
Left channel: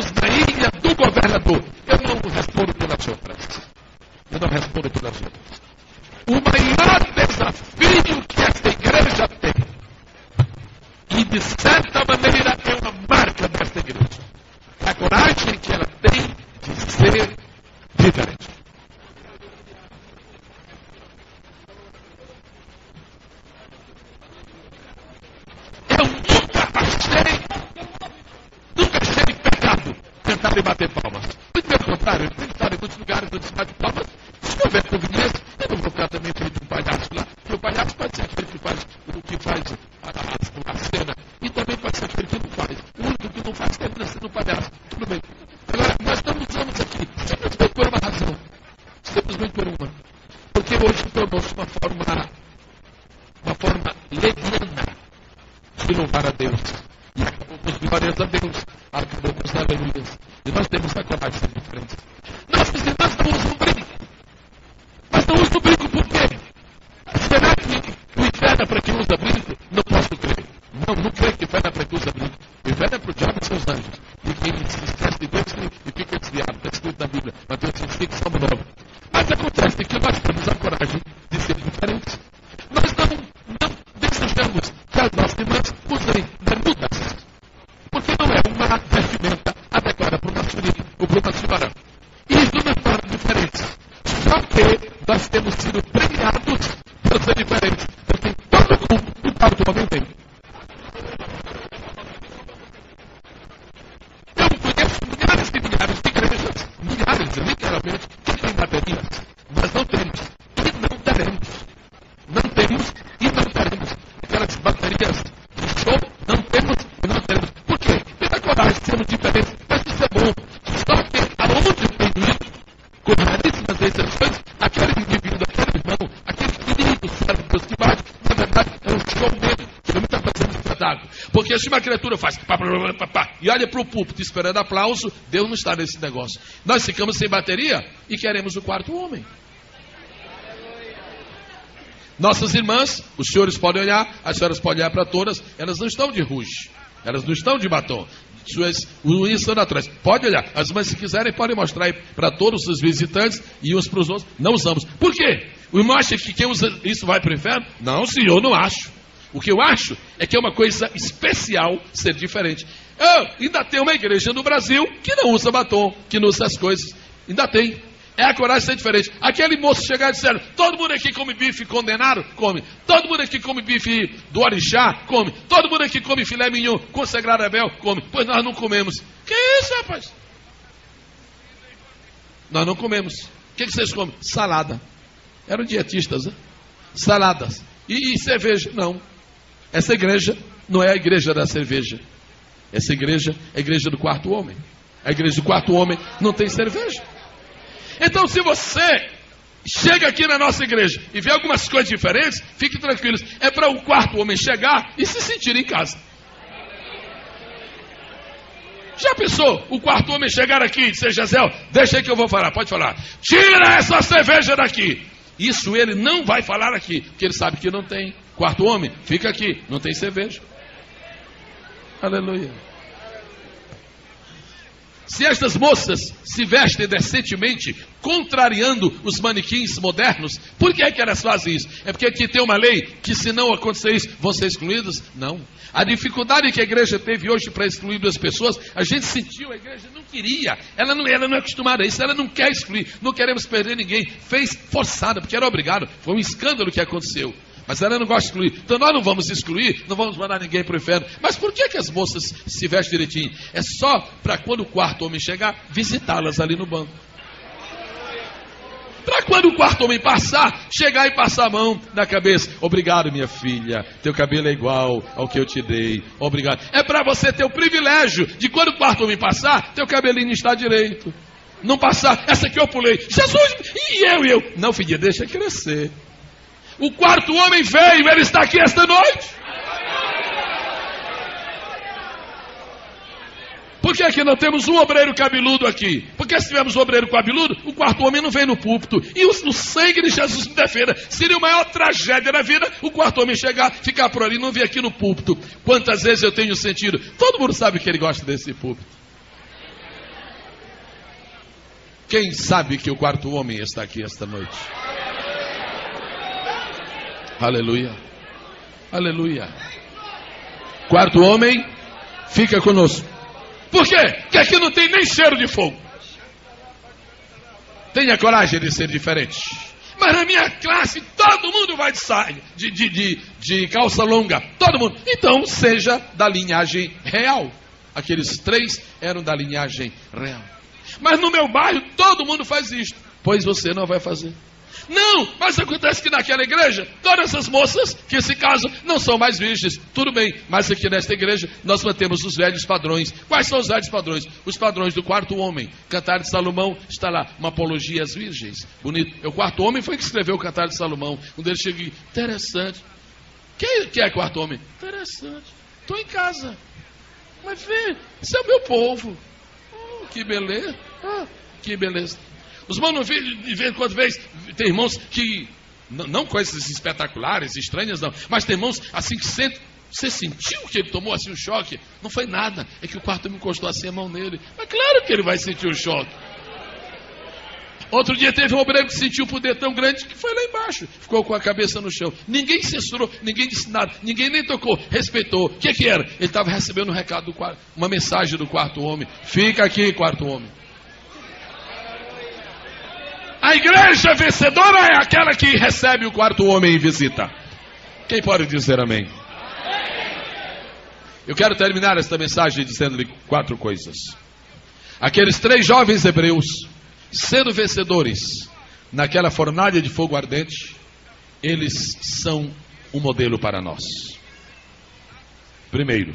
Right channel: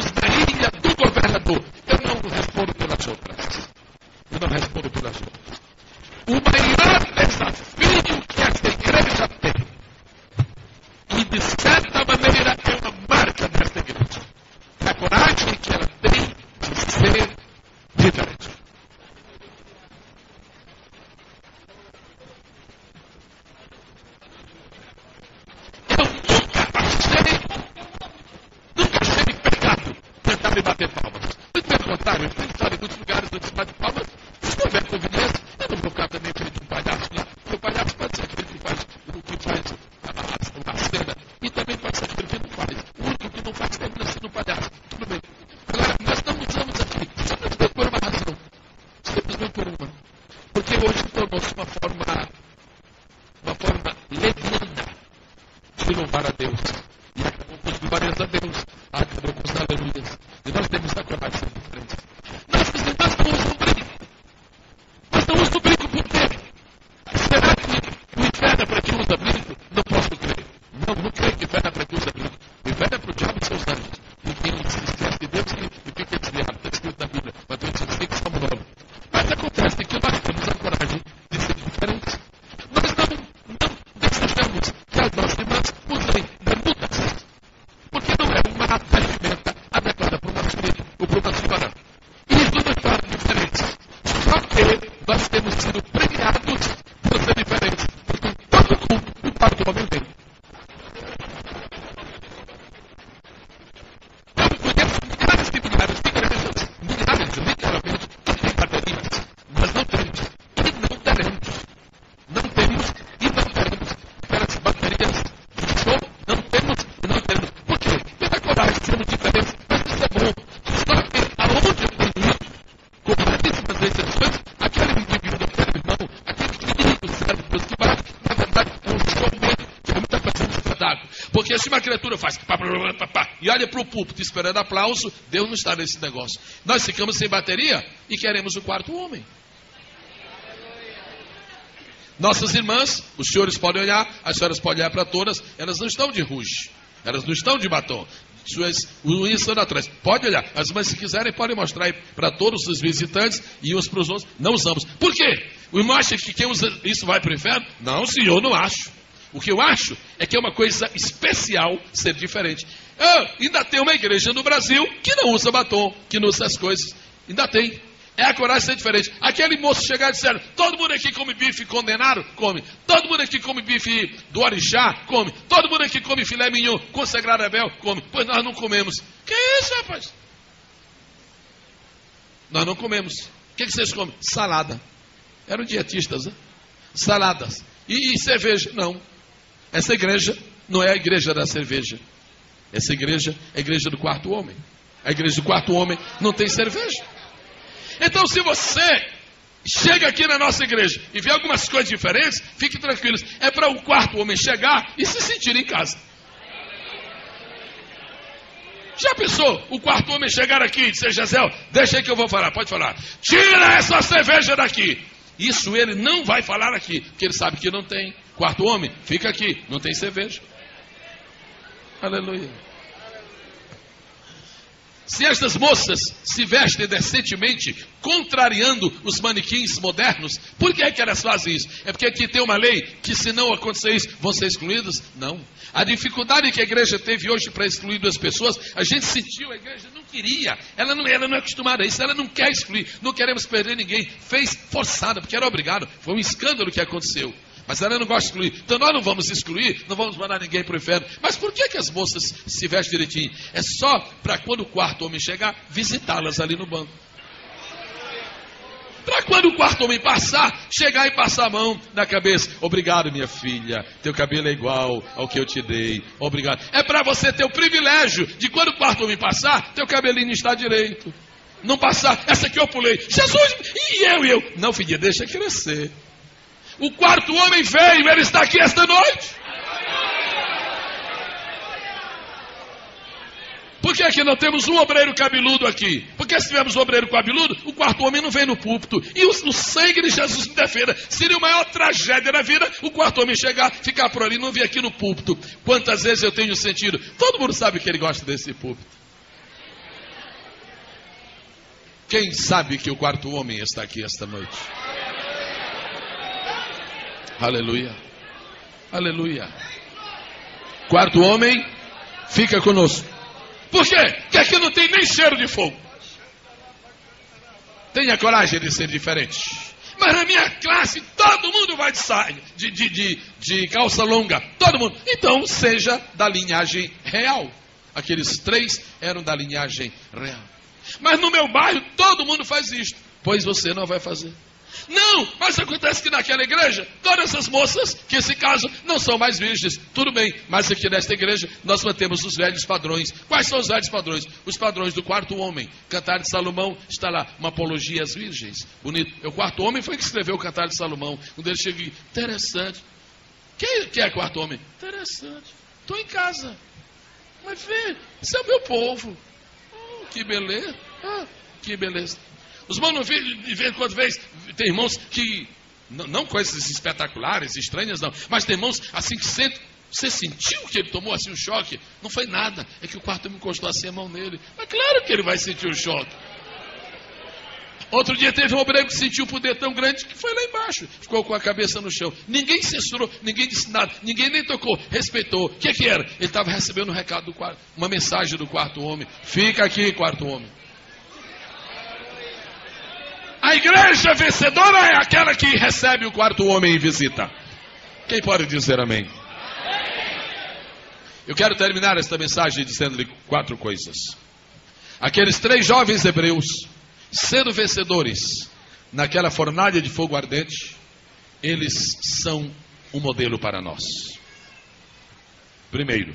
e olha para o púlpito esperando aplauso, Deus não está nesse negócio. Nós ficamos sem bateria e queremos o quarto homem. Nossas irmãs, os senhores podem olhar, as senhoras podem olhar para todas, elas não estão de rouge, elas não estão de batom. Suas unhas estão atrás. Pode olhar. As mães, se quiserem, podem mostrar aí para todos os visitantes e uns para os outros. Não usamos. Por quê? O irmão acha que quem usa isso vai para o inferno? Não, senhor, não acho. O que eu acho é que é uma coisa especial ser diferente. Ainda tem uma igreja no Brasil que não usa batom, que não usa essas coisas. Ainda tem. É a coragem de ser diferente. Aquele moço chegar e dizer, todo mundo aqui come bife condenado? Come. Todo mundo aqui come bife do orixá? Come. Todo mundo aqui come filé mignon consagrado a Abel? Come. Pois nós não comemos. Que isso, rapaz? Nós não comemos. O que vocês comem? Salada. Eram dietistas, né? Saladas. E cerveja? Não. Essa igreja não é a igreja da cerveja. Essa igreja é a igreja do quarto homem. A igreja do quarto homem não tem cerveja. Então, se você chega aqui na nossa igreja e vê algumas coisas diferentes, fique tranquilos. É para o quarto homem chegar e se sentir em casa. Já pensou o quarto homem chegar aqui e dizer, Jezeel, deixa aí que eu vou falar, pode falar. Tira essa cerveja daqui. Isso ele não vai falar aqui, porque ele sabe que não tem. Quarto homem, fica aqui, não tem cerveja. Aleluia. Se estas moças se vestem decentemente, contrariando os manequins modernos, por que é que elas fazem isso? É porque aqui tem uma lei que se não acontecer isso, vão ser excluídas? Não. A dificuldade que a igreja teve hoje para excluir duas pessoas, a gente sentiu, a igreja não queria, ela não é acostumada a isso, ela não quer excluir, não queremos perder ninguém, fez forçada, porque era obrigado, foi um escândalo que aconteceu. Mas ela não gosta de excluir. Então nós não vamos excluir, não vamos mandar ninguém para o inferno. Mas por que as moças se vestem direitinho? É só para quando o quarto homem chegar, visitá-las ali no banco. Para quando o quarto homem passar, chegar e passar a mão na cabeça. Obrigado, minha filha. Teu cabelo é igual ao que eu te dei. Obrigado. É para você ter o privilégio de quando o quarto homem passar, teu cabelinho está direito. Não passar, essa aqui eu pulei. Jesus, e eu. Não, filha, deixa crescer. O quarto homem veio, ele está aqui esta noite. Por que aqui não temos um obreiro cabeludo aqui? Porque se tivermos um obreiro cabeludo, o quarto homem não vem no púlpito. E o sangue de Jesus me defenda. Seria a maior tragédia da vida o quarto homem chegar, ficar por ali, não vir aqui no púlpito. Quantas vezes eu tenho sentido? Todo mundo sabe que ele gosta desse púlpito. Quem sabe que o quarto homem está aqui esta noite? Aleluia, aleluia. Quarto homem, fica conosco. Por quê? Porque aqui não tem nem cheiro de fogo. Tenha coragem de ser diferente. Mas na minha classe, todo mundo vai de saia, de calça longa. Todo mundo. Então, seja da linhagem real. Aqueles três eram da linhagem real. Mas no meu bairro, todo mundo faz isto. Pois você não vai fazer. Não, mas acontece que naquela igreja, todas essas moças que se casam não são mais virgens. Tudo bem, mas aqui nesta igreja nós mantemos os velhos padrões. Quais são os velhos padrões? Os padrões do quarto homem. Cantar de Salomão está lá, uma apologia às virgens. Bonito. O quarto homem foi que escreveu o Cantar de Salomão. Quando ele chega, interessante. Quem é quarto homem? Interessante. Estou em casa. Mas vê, esse é o meu povo. Que beleza. Que beleza. Os manos de vez em quando tem irmãos que, não coisas espetaculares, estranhas não, mas tem irmãos assim que você sentiu que ele tomou assim um choque. Não foi nada, é que o quarto me encostou assim a mão nele. Mas claro que ele vai sentir o choque. Outro dia teve um obreiro que sentiu o poder tão grande que foi lá embaixo, ficou com a cabeça no chão. Ninguém censurou, ninguém disse nada, ninguém nem tocou, respeitou. O que era? Ele estava recebendo um recado do quarto, uma mensagem do quarto homem. Fica aqui, quarto homem. A igreja vencedora é aquela que recebe o quarto homem e visita. Quem pode dizer amém? Eu quero terminar esta mensagem dizendo-lhe 4 coisas. Aqueles 3 jovens hebreus, sendo vencedores naquela fornalha de fogo ardente, eles são um modelo para nós. Primeiro,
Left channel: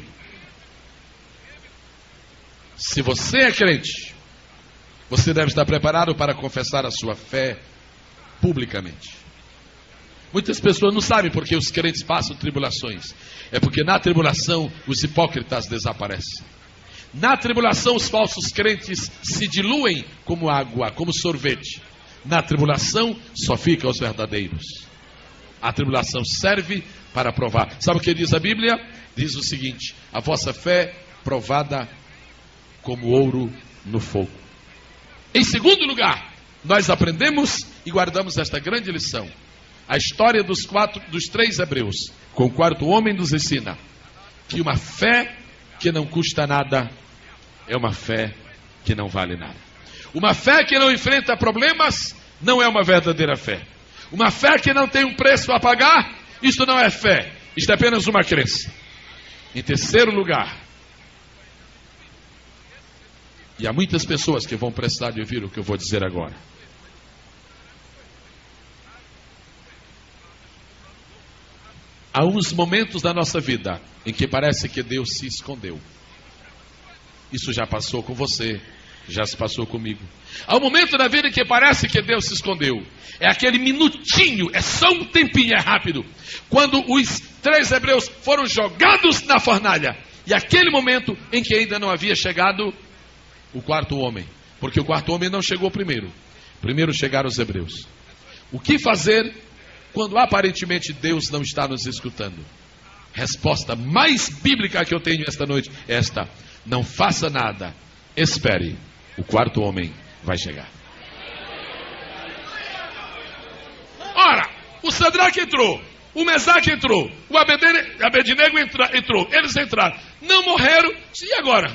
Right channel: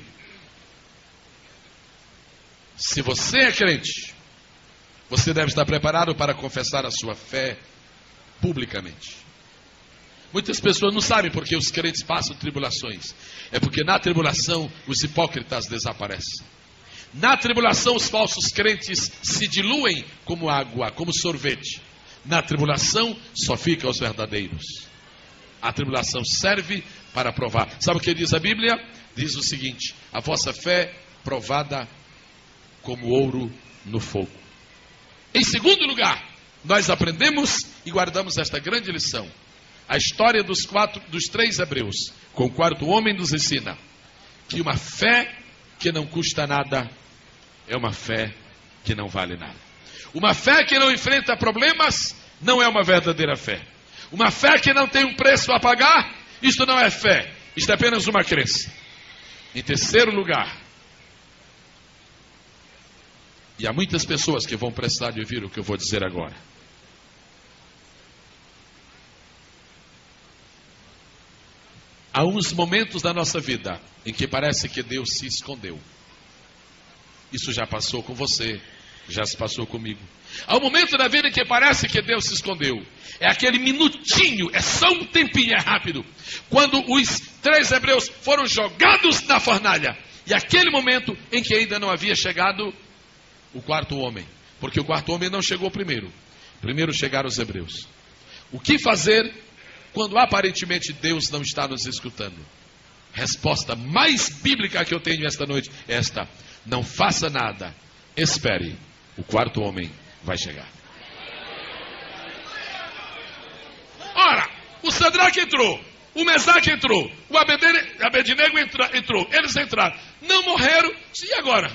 se você é crente, você deve estar preparado para confessar a sua fé publicamente. Muitas pessoas não sabem porque os crentes passam tribulações. É porque na tribulação os hipócritas desaparecem. Na tribulação, os falsos crentes se diluem como água, como sorvete. Na tribulação, só ficam os verdadeiros. A tribulação serve para provar. Sabe o que diz a Bíblia? Diz o seguinte: a vossa fé provada como ouro no fogo. Em segundo lugar, nós aprendemos e guardamos esta grande lição. A história dos 3 hebreus, com o quarto homem, nos ensina que uma fé que não custa nada é uma fé que não vale nada. Uma fé que não enfrenta problemas não é uma verdadeira fé. Uma fé que não tem um preço a pagar, isto não é fé, isto é apenas uma crença. Em terceiro lugar, e há muitas pessoas que vão precisar de ouvir o que eu vou dizer agora. Há uns momentos da nossa vida em que parece que Deus se escondeu. Isso já passou com você, já se passou comigo. Há um momento na vida em que parece que Deus se escondeu. É aquele minutinho, é só um tempinho, é rápido. Quando os 3 hebreus foram jogados na fornalha. E aquele momento em que ainda não havia chegado o quarto homem. Porque o quarto homem não chegou primeiro. Primeiro chegaram os hebreus. O que fazer quando aparentemente Deus não está nos escutando? Resposta mais bíblica que eu tenho esta noite é esta: não faça nada, espere, o quarto homem vai chegar. Ora, o Sadraque entrou, o Mesaque entrou, o Abednego entrou, eles entraram, não morreram. E agora?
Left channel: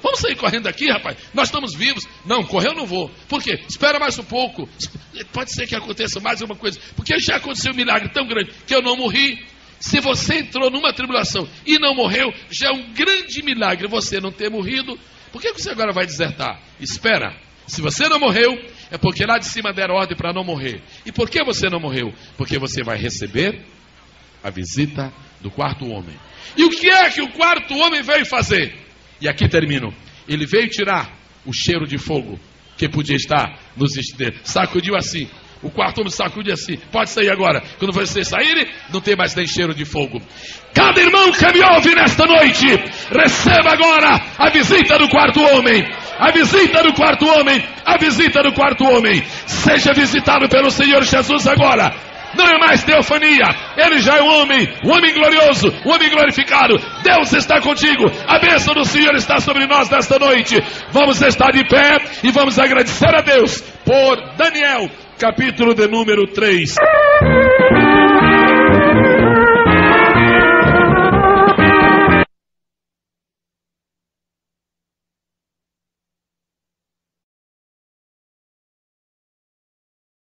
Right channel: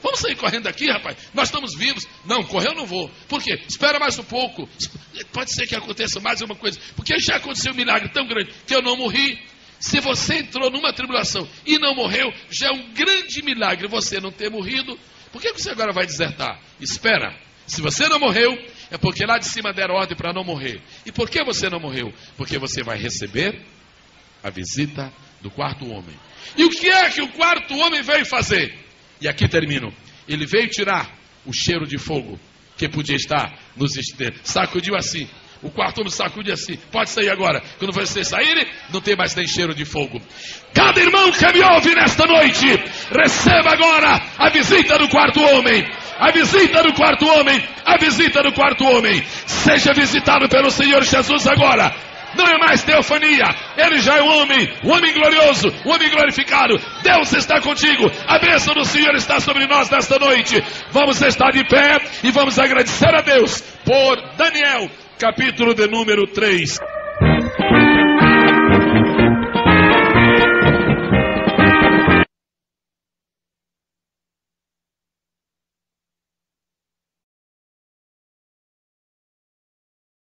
Vamos sair correndo daqui, rapaz? Nós estamos vivos. Não, correr eu não vou. Por quê? Espera mais um pouco. Pode ser que aconteça mais uma coisa, porque já aconteceu um milagre tão grande que eu não morri. Se você entrou numa tribulação e não morreu, já é um grande milagre você não ter morrido. Por que você agora vai desertar? Espera. Se você não morreu, é porque lá de cima deram ordem para não morrer. E por que você não morreu? Porque você vai receber a visita do quarto homem. E o que é que o quarto homem veio fazer? E aqui termino. Ele veio tirar o cheiro de fogo que podia estar nos estrelas. Sacudiu assim. O quarto homem sacudiu assim. Pode sair agora. Quando vocês saírem, não tem mais nem cheiro de fogo. Cada irmão que me ouve nesta noite, receba agora a visita do quarto homem. A visita do quarto homem. A visita do quarto homem. Seja visitado pelo Senhor Jesus agora. Não é mais teofania, ele já é um homem glorioso, um homem glorificado. Deus está contigo, a bênção do Senhor está sobre nós nesta noite. Vamos estar de pé e vamos agradecer a Deus por Daniel, capítulo de número 3.